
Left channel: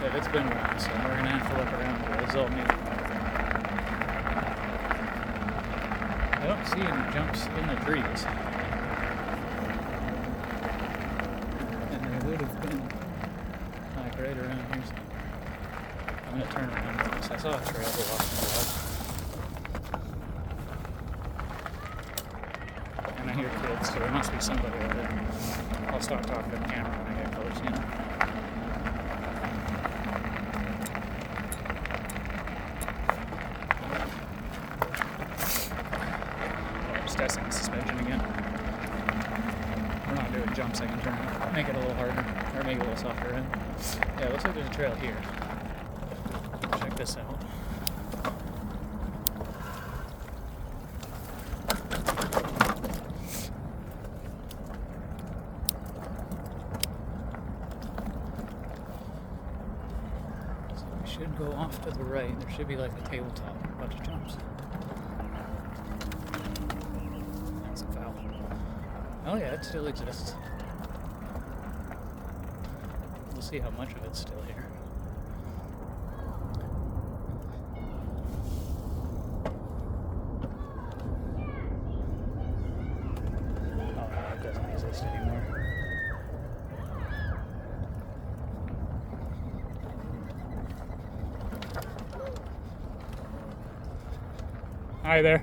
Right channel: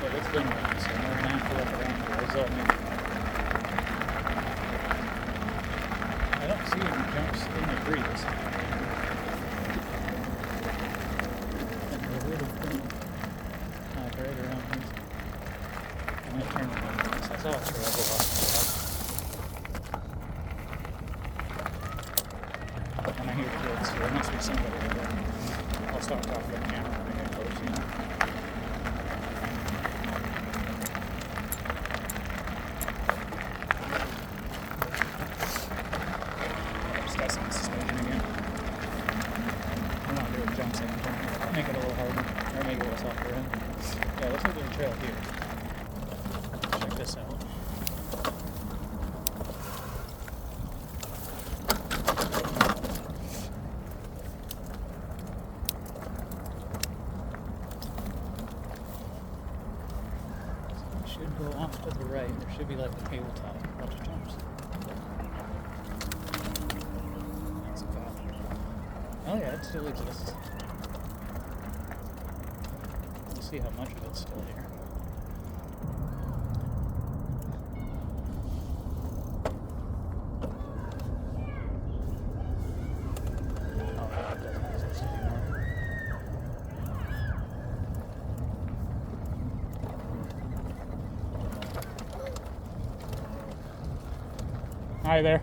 so it's been a while, so we're gonna have to look around for it. It's all new. I don't see any jumps in the trees. And they would have been right around here. I'm gonna turn around because I saw a trail go off in the wall. And I hear kids, so there must be somebody over there. I'll start talking to the camera when I get close, you know. Testing the suspension again. I'm not doing jumps, I can turn it, make it a little harder, or make it a little softer. Right? Yeah, looks like there's a trail here. Check this out. So we should go off to the right. There should be like a tabletop, a bunch of jumps. Oh yeah, it still exists. We'll see how much of it's still here. Oh no, it doesn't exist anymore. Hi there.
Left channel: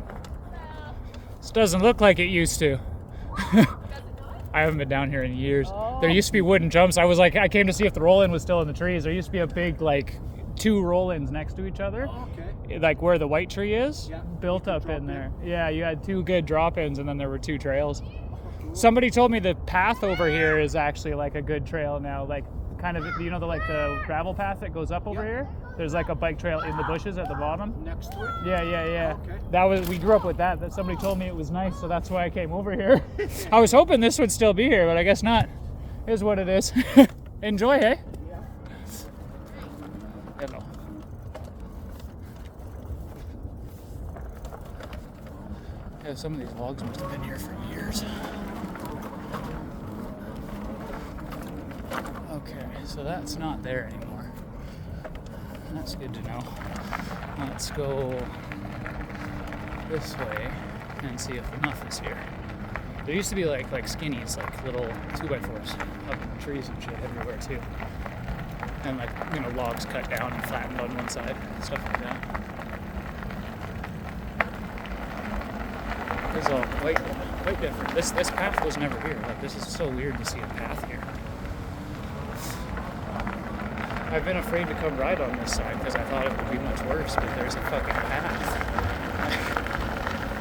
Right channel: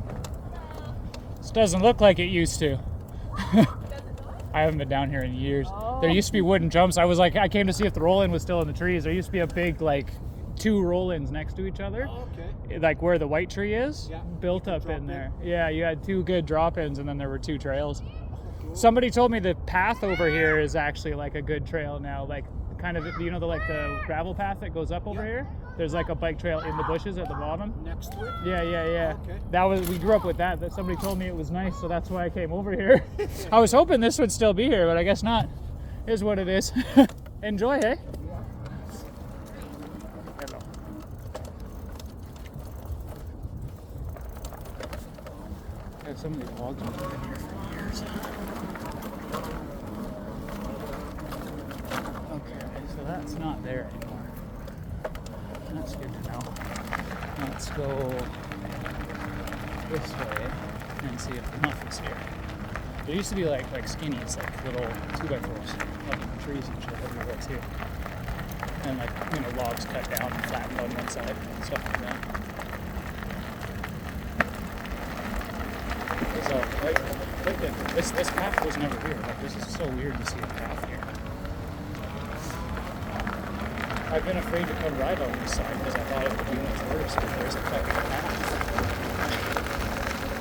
This doesn't look like it used to. I haven't been down here in years. Oh. There used to be wooden jumps. I came to see if the roll-in was still in the trees. There used to be a big, like, 2 roll-ins next to each other. Oh, okay. Like where the white tree is, yeah, built up in there. Yeah, you had 2 good drop-ins, and then there were 2 trails. Cool. Somebody told me the path over here is actually like a good trail now. Like, kind of, you know, the gravel path that goes up over here? There's like a bike trail in the bushes at the bottom. Next to it? Yeah. Okay. We grew up with that. Somebody told me it was nice, so that's why I came over here. I was hoping this would still be here, but I guess not. It is what it is. Enjoy, hey? Yeah. Yeah, some of these logs must have been here for years. Okay, so that's not there anymore. That's good to know. Now let's go this way and see if the Muff is here. There used to be like skinnies, like little 2x4s up in the trees and shit everywhere too. And like, you know, logs cut down and flattened on one side, stuff like that. This is all quite different. This path was never here. Like, this is so weird to see a path here. I've been afraid to come ride on this side because I thought it would be much worse, but there's a fucking path.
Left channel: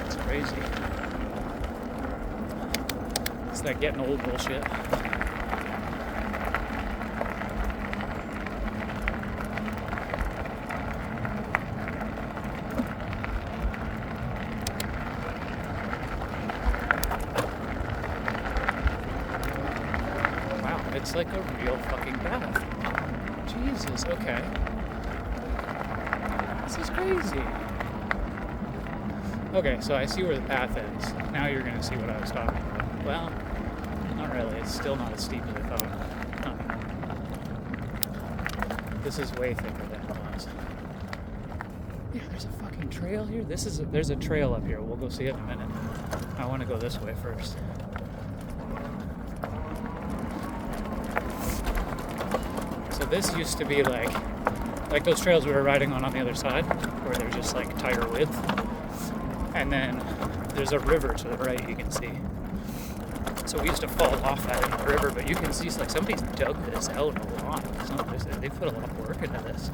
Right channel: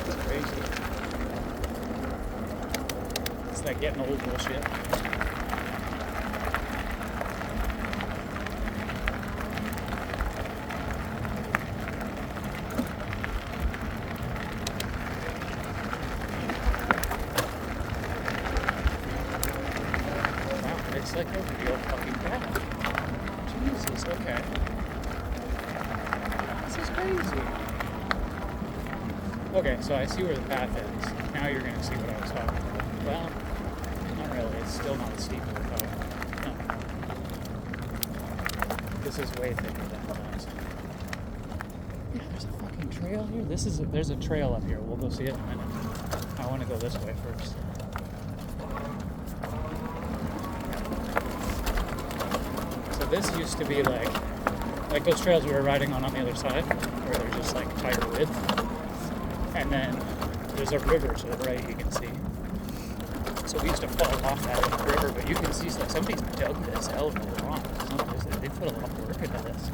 It's crazy. It's like getting old bullshit. Wow, looks like a real fucking path. Jesus, okay. This is crazy. Okay, so I see where the path ends. Now you're going to see what I was talking about. Well, not really. It's still not as steep as I thought. No. This is way thicker than it was. Yeah, there's a fucking trail here. There's a trail up here. We'll go see it in a minute. I want to go this way first. So this used to be like those trails we were riding on the other side, where they're just like tire width. And then there's a river to the right, you can see. So we used to fall off that in the river, but you can see like somebody's dug this out a lot. They put a lot of work into this.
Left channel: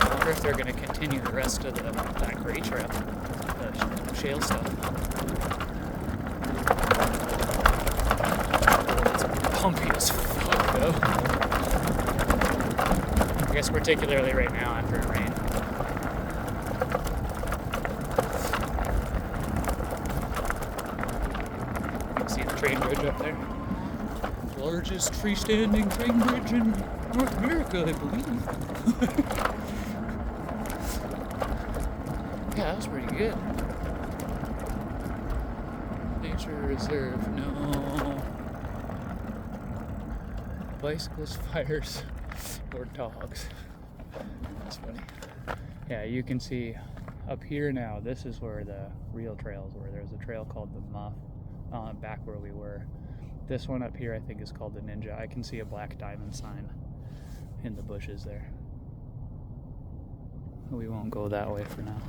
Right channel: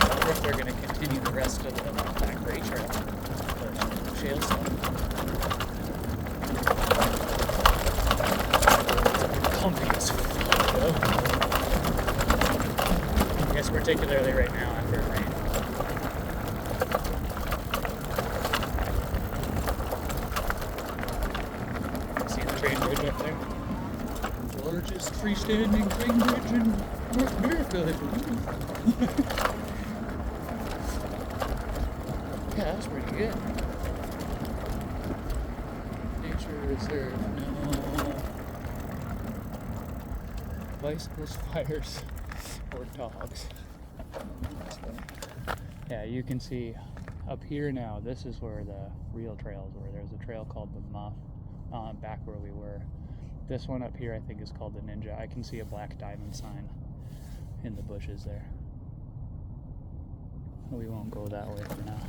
I wonder if they're going to continue the rest of that gray trail, the shale stuff. It's bumpy as fuck though. I guess particularly right now after it rained. See the train bridge up there? Largest freestanding train bridge in North America, I believe. Yeah, that was pretty good. Nature reserve, no. Bicycles, fires, or dogs. That's funny. Yeah, you can see up here now, this is where the real trails were. There's a trail called the Muff, back where we were. This one up here I think is called the Ninja. I can see a black diamond sign in the bushes there. We won't go that way for now.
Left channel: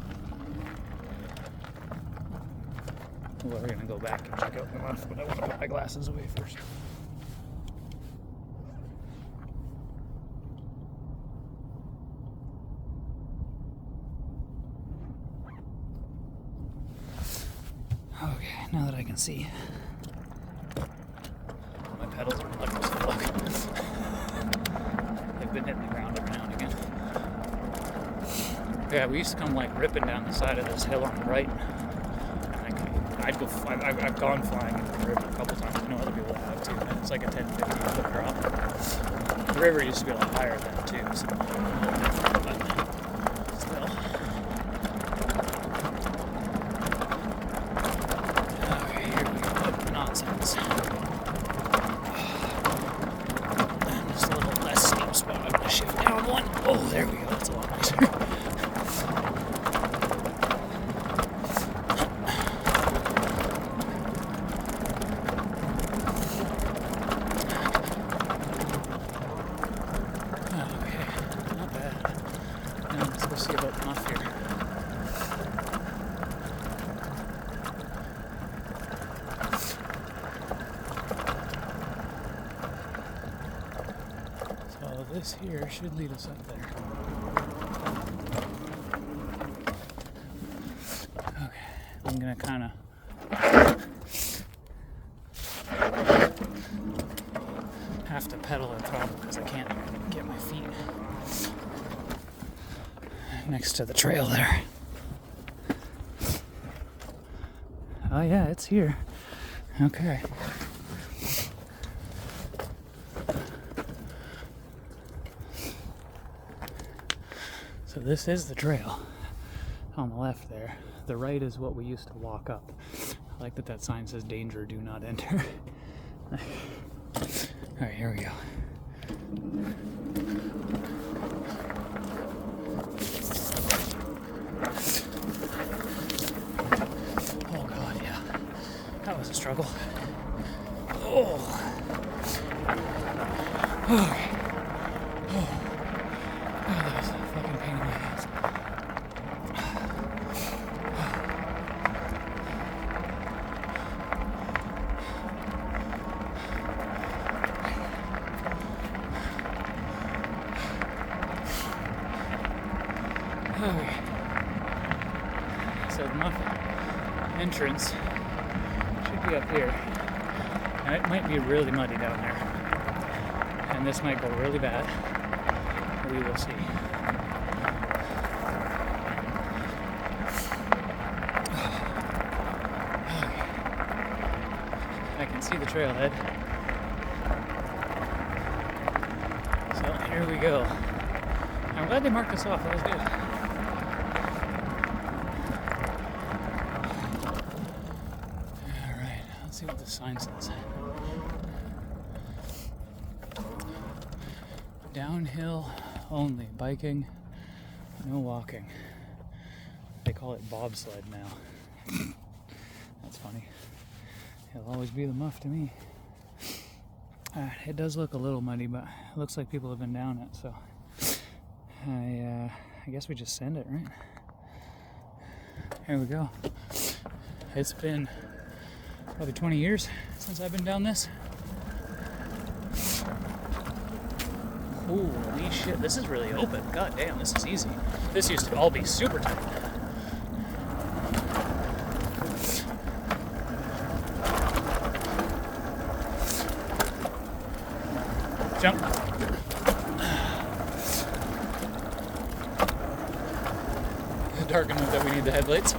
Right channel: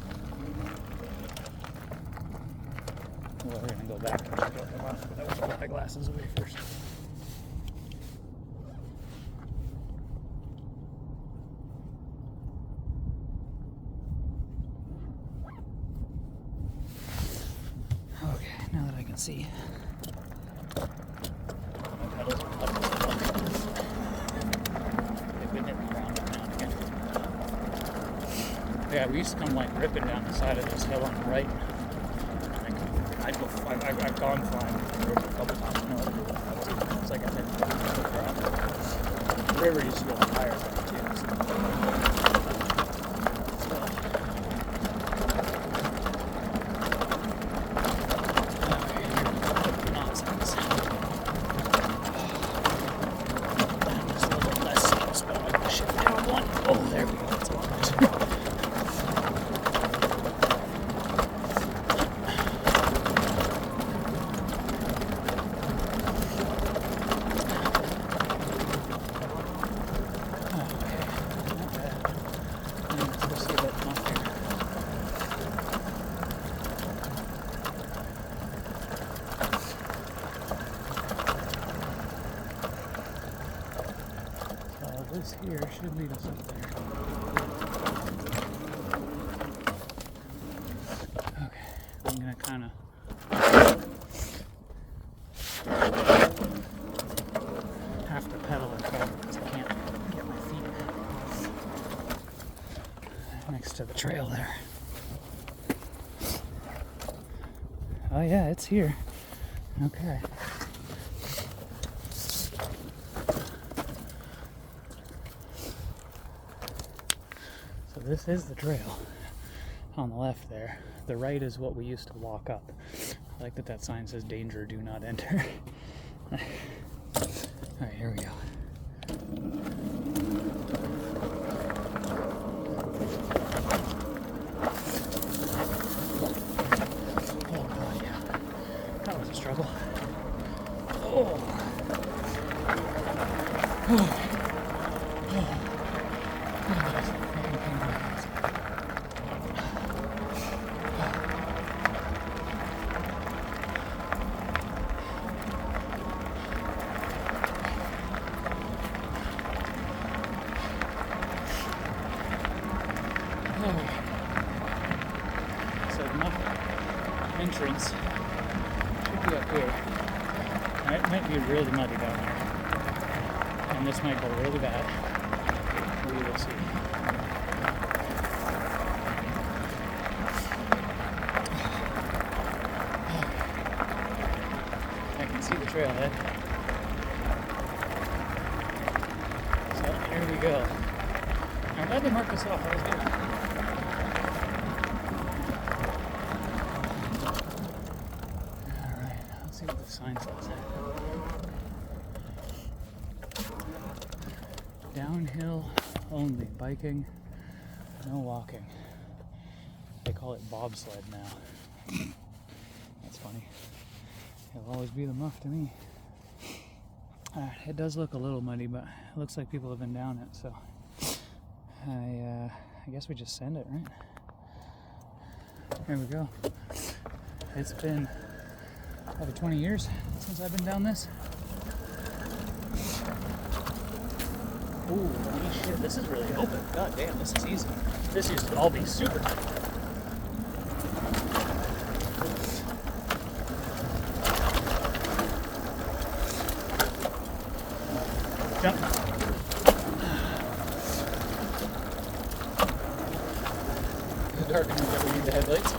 Well, we're gonna go back and check out the Muff, but I want to put my glasses away first. Okay, now that I can see. My pedals are puddled. They've been hitting the ground every now and again. Yeah, we used to come like ripping down the side of this hill on the right. I've gone flying in the river a couple times. I know other people have too. It's like a 10-15 foot drop. The river used to be a lot higher than that too. So. Oh, there we go. That's a lot nicer. Okay, not bad. And let's go see about Muff here. So this here should lead us up there. I'm gonna kind of have to pedal at home because I can't get my feet next to the trail there. Oh yeah, it's here. Okay. So this is the trail on the left there. The right is what we used to walk up. I like that sign says danger, do not enter. Alright, here we go. Oh god, yeah. That was a struggle. Oh. Oh. Oh. Oh, that was a fucking pain in my ass. So the Muff entrance should be up here. And it might be really muddy down there. And this might go really bad. We will see. I can see the trailhead. go. I'm glad they marked us off. That was good. Alright, let's see what the sign says. Downhill only. Biking, no walking. They call it bobsled now. That's funny. It'll always be the Muff to me. It does look a little muddy, but it looks like people have been down it, so I guess we just send it, right? Here we go. It's been probably 20 years since I've been down this. Ooh, holy shit, this is really open. God damn, this is easy. This used to all be super tight. Jump. Dark enough that we need the headlights.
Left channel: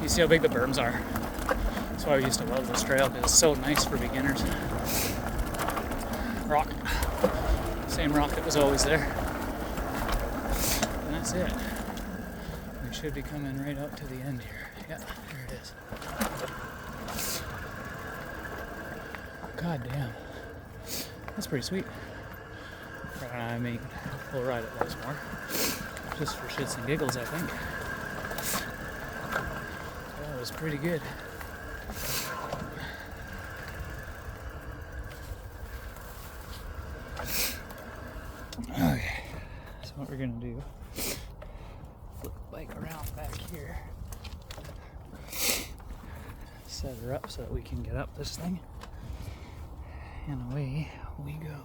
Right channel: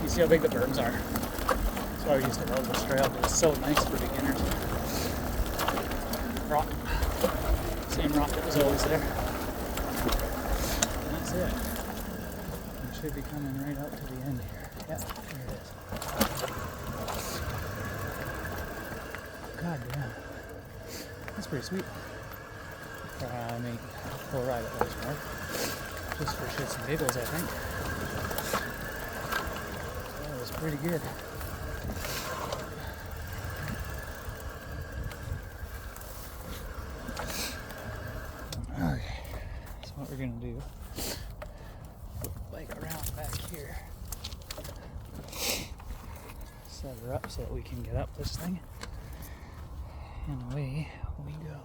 You see how big the berms are? That's why we used to love this trail, because it's so nice for beginners. Rock. Same rock that was always there. And that's it. We should be coming right up to the end here. Yep, there it is. God damn. That's pretty sweet. I may we'll ride it once more. Just for shits and giggles, I think. That was pretty good. Okay. So what we're gonna do, flip the bike around back here. Set her up so that we can get up this thing. And away we go.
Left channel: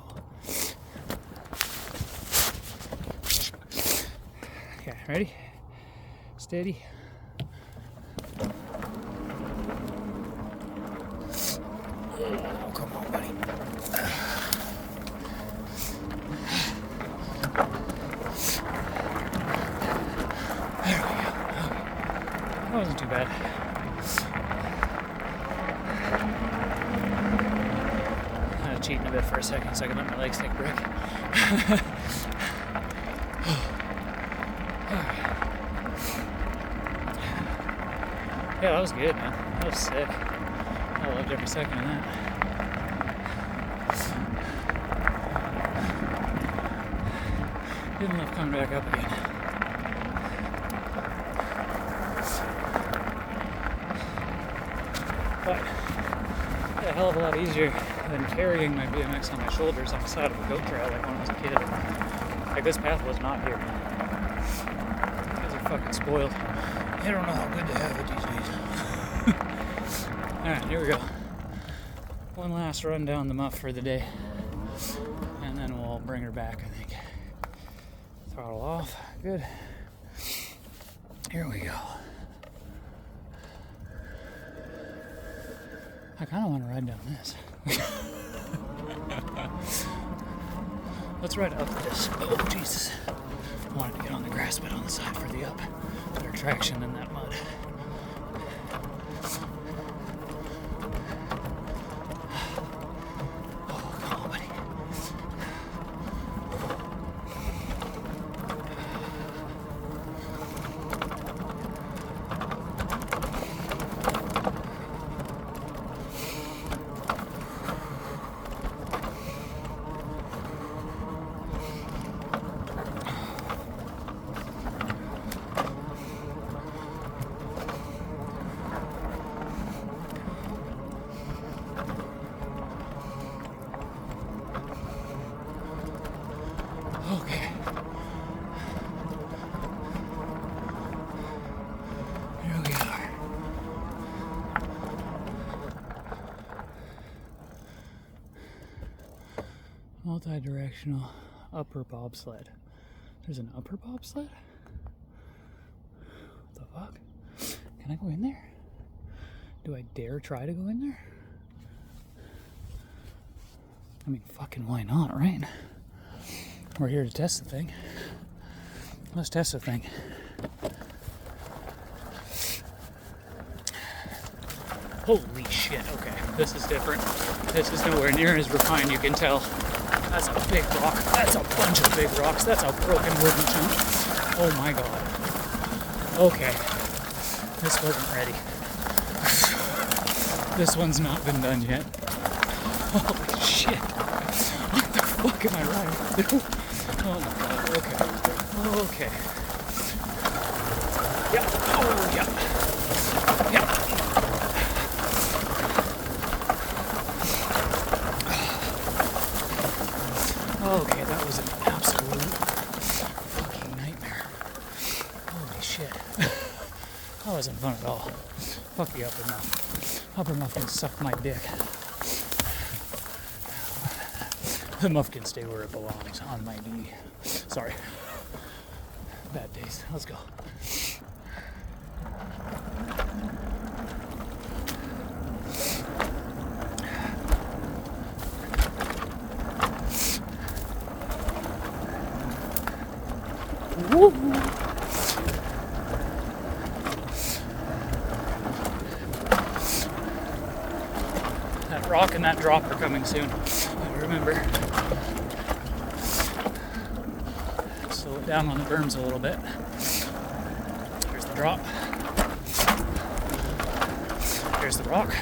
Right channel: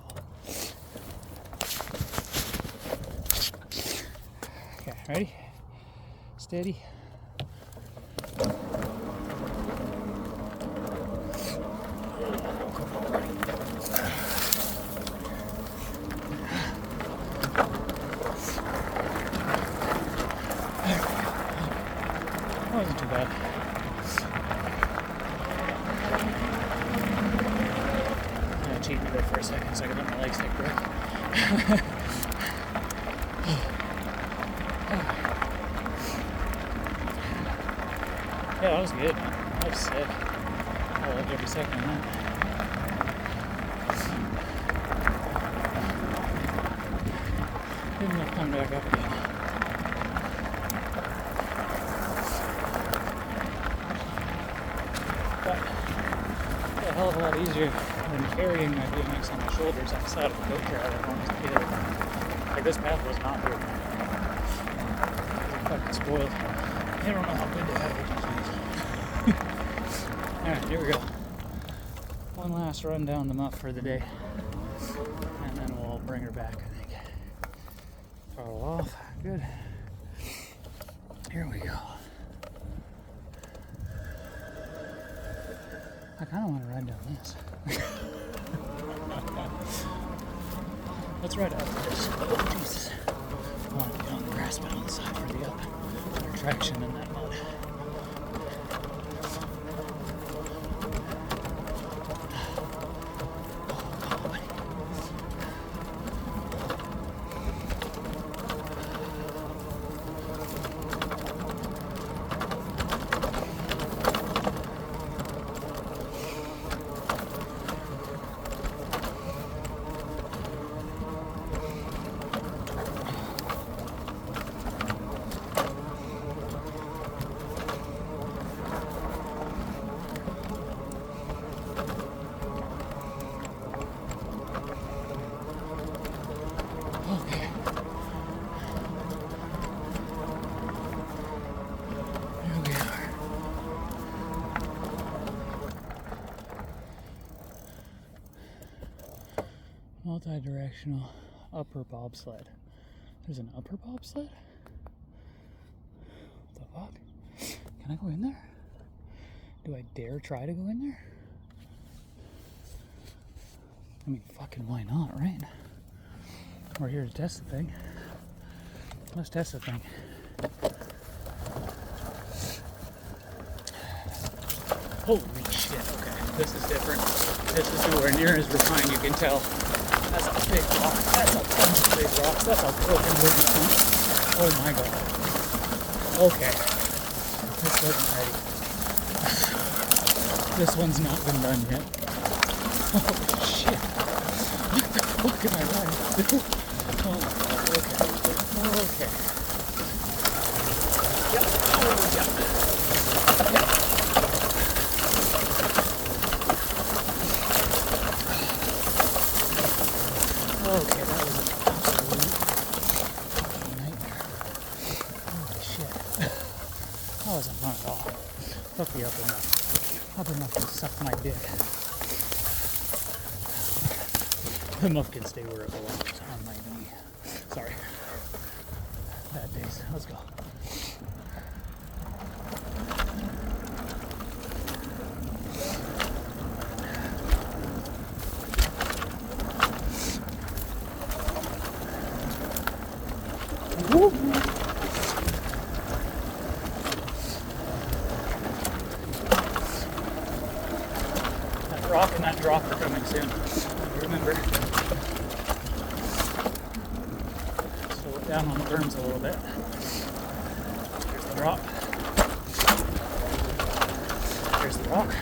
Okay, ready? Steady. Oh, come on, buddy. There we go. That wasn't too bad. Cheating a bit for a second so I could let my legs take a break. Yeah, that was good, man. That was sick. I loved every second of that. Good enough coming back up again. But a hell of a lot easier than carrying my BMX on my shoulders on the side of a goat trail like when I was a kid. Like, this path was not good. These are fucking spoiled. They don't know how good they have it these days. Alright, here we go. One last run down the Muff for the day. And then we'll bring her back, I think. Throttle off. Good. Here we go. I kind of want to ride down this. Let's ride up this. Oh, Jesus. I wanted to get on the grass bed on the side for the up. More traction in that mud. Oh, come on, buddy. Okay. Here we are. Multi-directional upper bobsled. There's an upper bobsled? What the fuck? Can I go in there? Do I dare try to go in there? I mean, fucking why not, right? We're here to test the thing. Let's test the thing. Holy shit, okay. This is different. This is nowhere near as refined, you can tell. That's a big rock. That's a bunch of big rocks. That's a broken wooden chunk. Oh my god. Okay. This wasn't ready. This one's not been done yet. Holy shit. What the fuck am I wrong? Oh my god. Okay. Okay. Yeah. Oh yeah. Yeah. Okay, that was an absolute fucking nightmare. Holy shit. That wasn't fun at all. Fuck the upper muff. Upper muff can suck my dick. The muff can stay where it belongs, on my knee. Sorry. Bad days. Let's go. Woo. That rock and that drop are coming soon. Remember. Slow it down on the berms a little bit. Here's the drop. Here's the rock.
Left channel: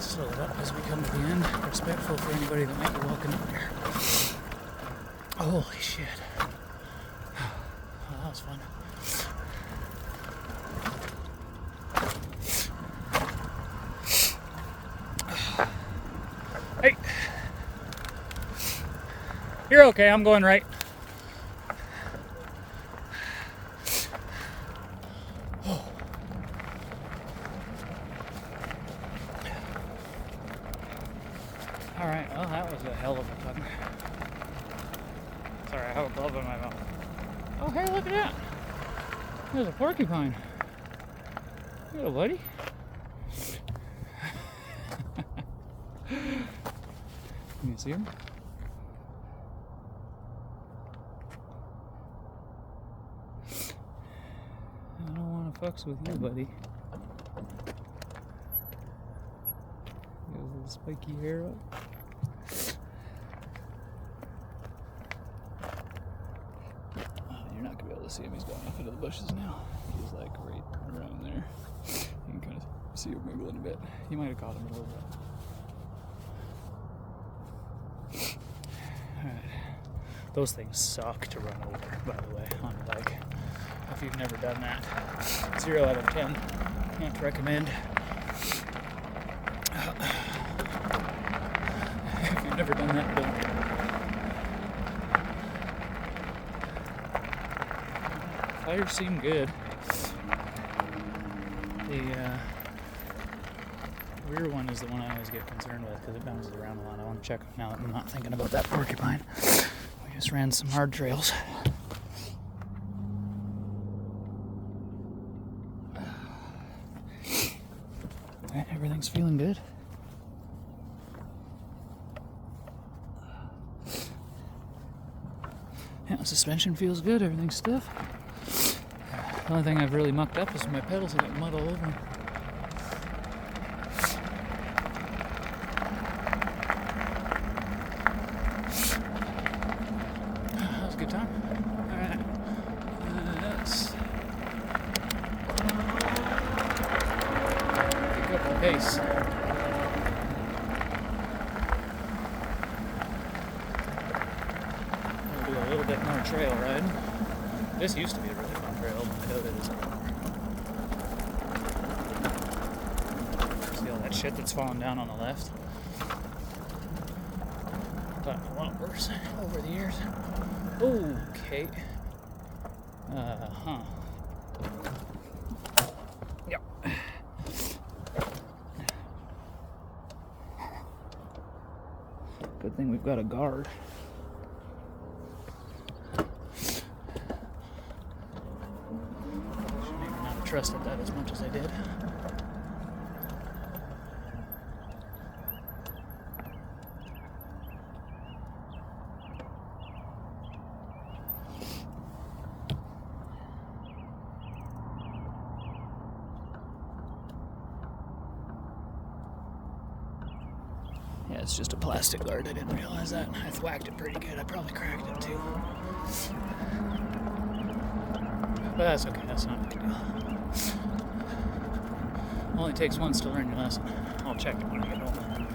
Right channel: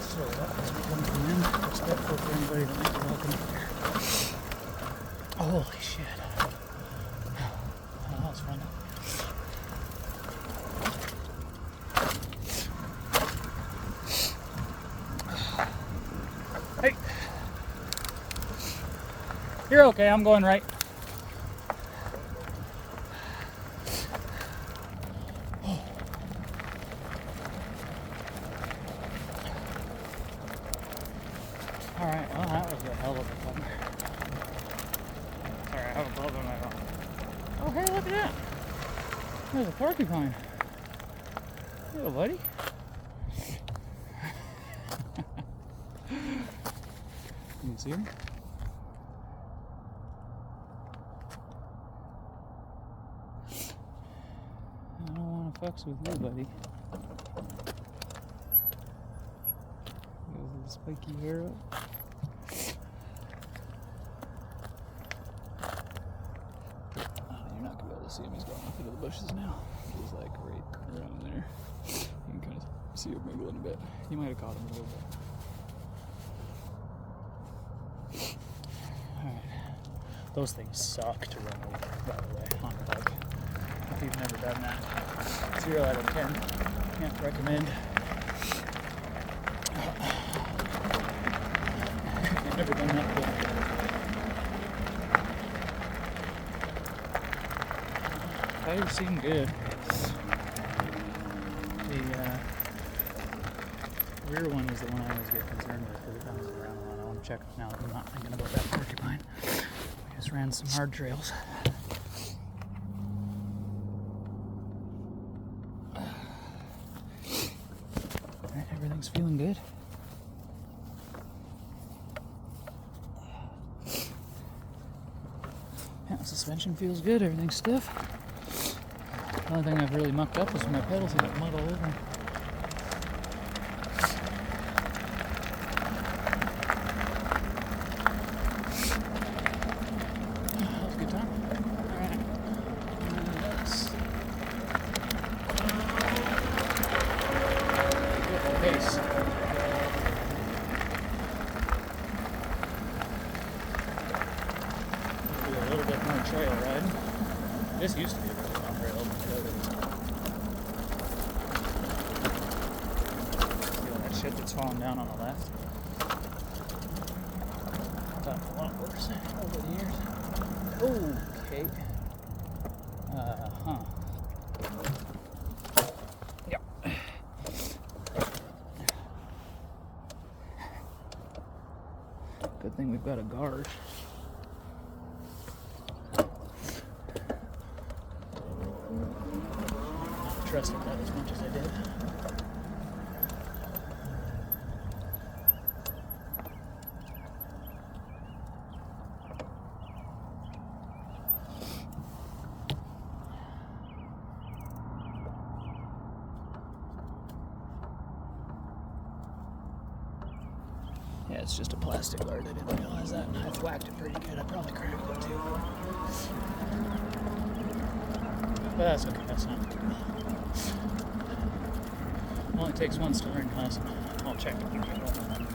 Slow it up as we come to the end. Respectful for anybody that might be walking up there. Holy shit. Well, that was fun. Hey. You're okay, I'm going right. Oh. Alright, well that was a hell of a fun. Sorry, I have a bulb in my mouth. Oh hey, look at that. There's a porcupine. Little buddy. Can you see him? I don't want to fucks with you, buddy. There's a spiky hair up. Oh, you're not going to be able to see him. He's going off into the bushes now. He's like right around there. You can kind of see him wiggling a bit. You might have caught him a little bit. Alright. Those things suck to run over, by the way, on a bike. If you've never done that, 0 out of 10. Can't recommend. If you've never done that, don't. Tires seem good. The rear one is the one I always get concerned with because it bounces around a lot. I want to check now that we're not thinking about that porcupine. We just ran some hard trails. Alright, everything's feeling good. Yeah, the suspension feels good, everything's stiff. The only thing I've really mucked up is my pedals have got mud all over them. That was a good time. Alright. Let's pick up the pace. We'll do a little bit more trail riding. This used to be a really fun trail, but I doubt it isn't. See all that shit that's falling down on the left? I've gotten a lot worse over the years. Okay. Yep. Good thing we've got a guard. Trusted that as much as I did. Yeah, it's just a plastic guard. I didn't realize that. I whacked it pretty good. I probably cracked it too. But that's okay. That's not a big deal. Only takes once to learn the lesson. I'll check it when I get home.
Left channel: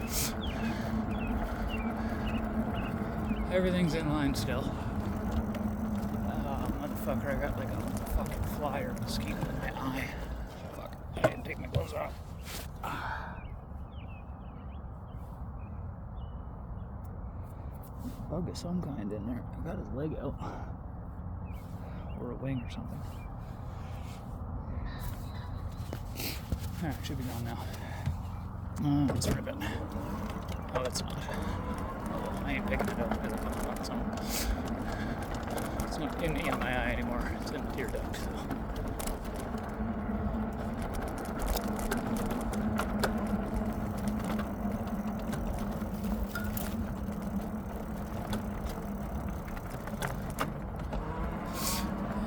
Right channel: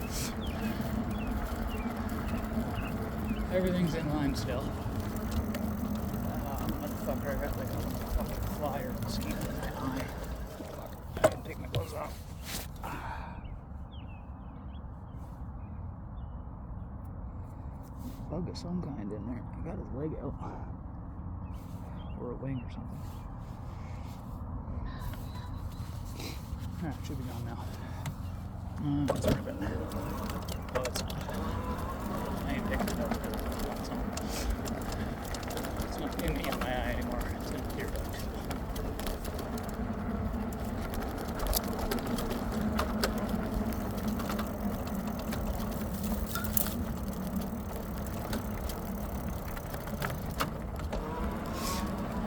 Everything's in line still. Motherfucker, I got like a fucking fly or mosquito in my eye. Fuck, I didn't take my gloves off. Bug of some kind in there. I got his leg out. Or a wing or something. Alright, should be gone now. It's rid of it. Oh, it's not. I ain't picking it up. It's not in my eye anymore. It's in the tear duct.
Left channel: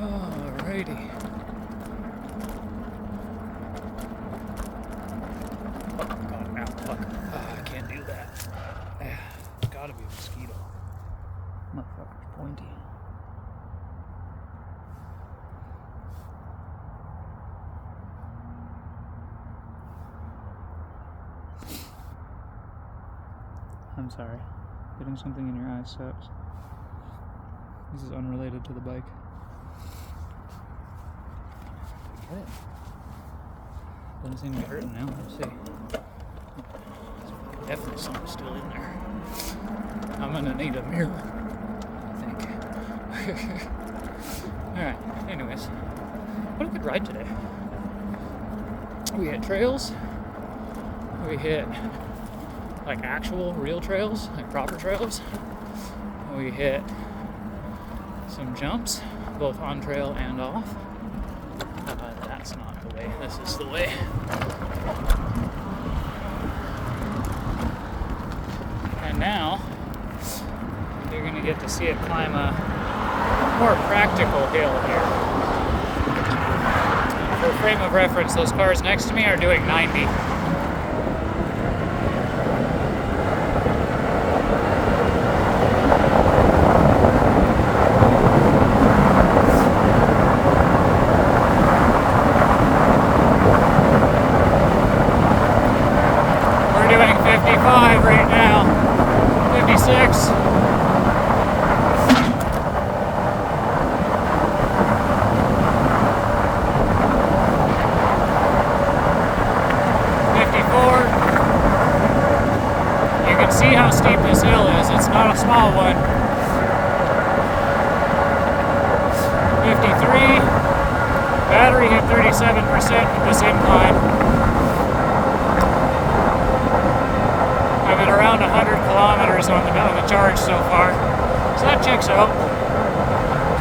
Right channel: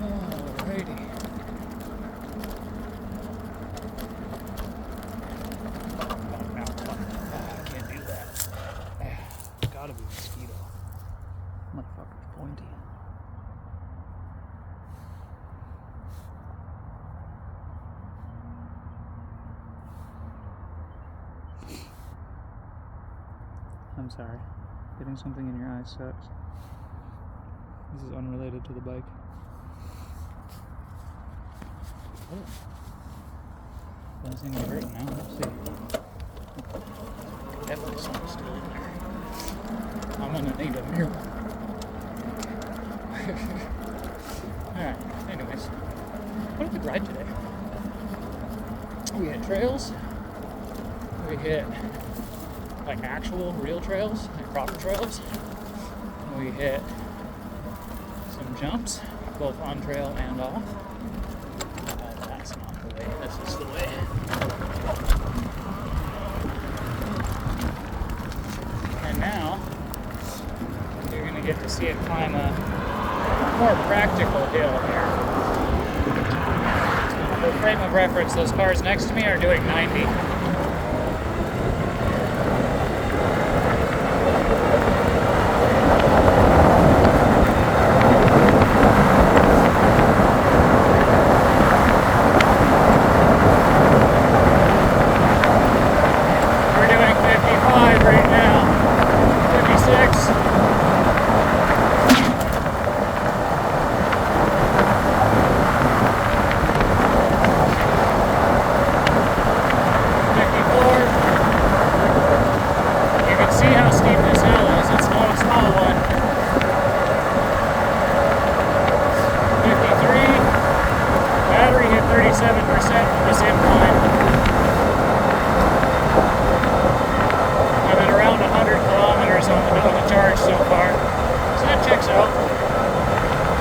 Alrighty. I can't do that. It's gotta be a mosquito. Motherfucker's pointy. I'm sorry. Getting something in your eye sucks. This is unrelated to the bike. What? Doesn't seem to be hurting now. Let's see. Definitely something still in there. I'm gonna need a mirror. Alright, anyways. What a good ride today. We hit trails. We hit like actual real trails, like proper trails. We hit some jumps, both on trail and off. That's not the way, this is the way. And now, you're going to get to see it climb a more practical hill here. And for frame of reference, those cars next to me are doing 90.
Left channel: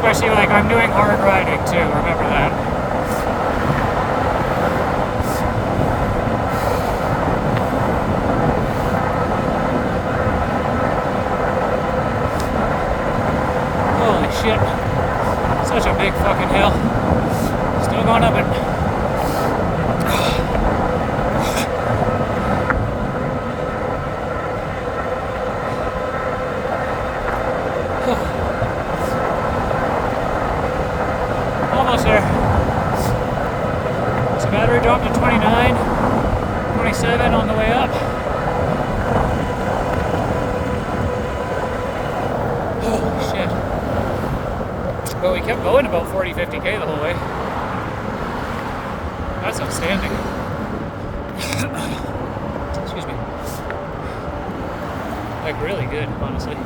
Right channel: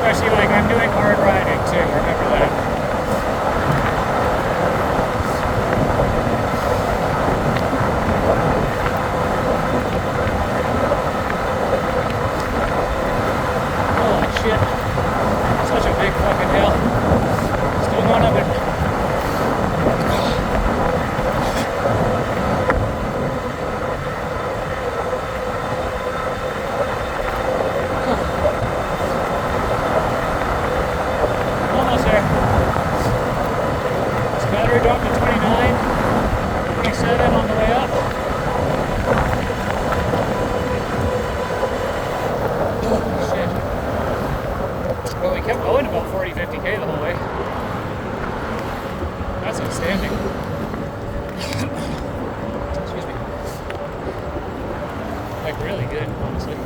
Especially like I'm doing hard riding too, remember that. Holy shit. Such a big fucking hill. Still going up it. Drop to 29, 27 on the way up. Oh shit. Well, we kept going about 40-50k the whole way. That's outstanding. Excuse me. Like really good, honestly.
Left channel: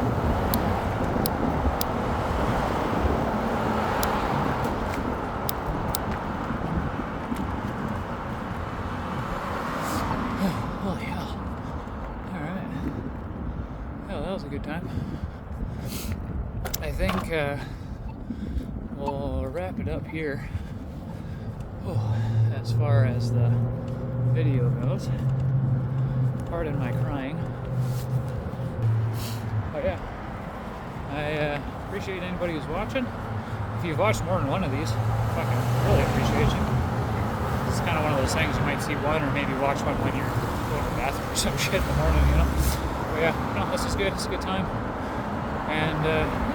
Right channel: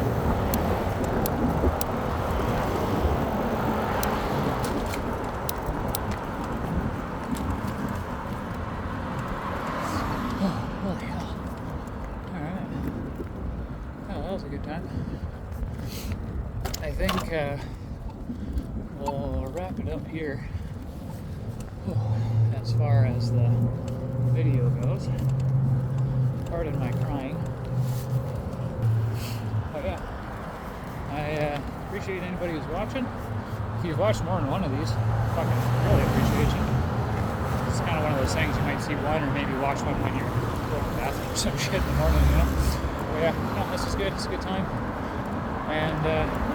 Holy hell. Alright. Oh, that was a good time. I think we'll wrap it up here. As far as the video goes. Pardon my crying. But yeah. I appreciate anybody who's watching. If you've watched more than one of these, fucking really appreciate you. It's kind of one of those things you might see one or maybe watch one when you're going to the bathroom or some shit in the morning, you know? But yeah, no, this is good. It's a good time. And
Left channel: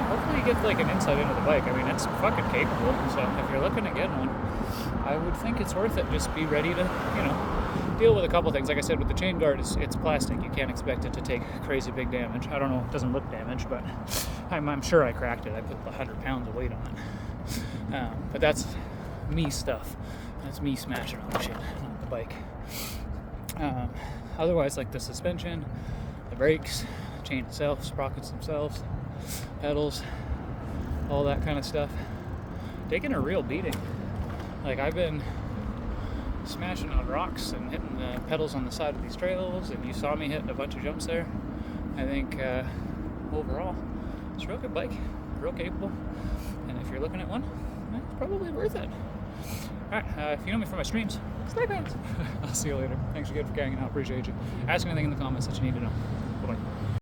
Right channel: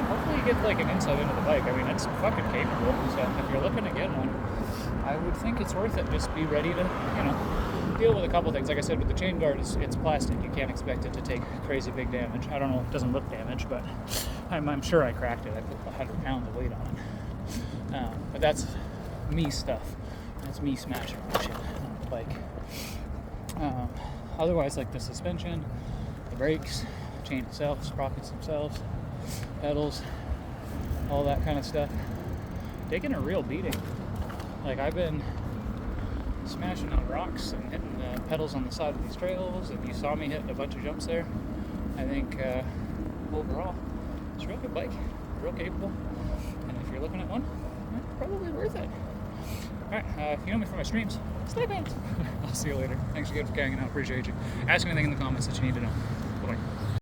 hopefully you get like an insight into the bike. I mean, it's fucking capable. So if you're looking to get one, I would think it's worth it. Just be ready to, deal with a couple things. Like I said, with the chain guard, it's plastic. You can't expect it to take crazy big damage. I don't know. It doesn't look damaged, but I'm sure I cracked it. I put 100 pounds of weight on it. But that's me stuff. That's me smashing on the shit on the bike. Otherwise, like the suspension, the brakes, chain itself, sprockets themselves, pedals, all that kind of stuff, taking a real beating. Like I've been smashing on rocks and hitting the pedals on the side of these trails, and you saw me hitting a bunch of jumps there. I think overall it's a real good bike, real capable, and if you're looking at one, it's probably worth it. Alright, if you know me from my streams, stay tuned. I'll see you later. Thanks again for hanging out. Appreciate you. Ask anything in the comments that you need to know. Bye-bye.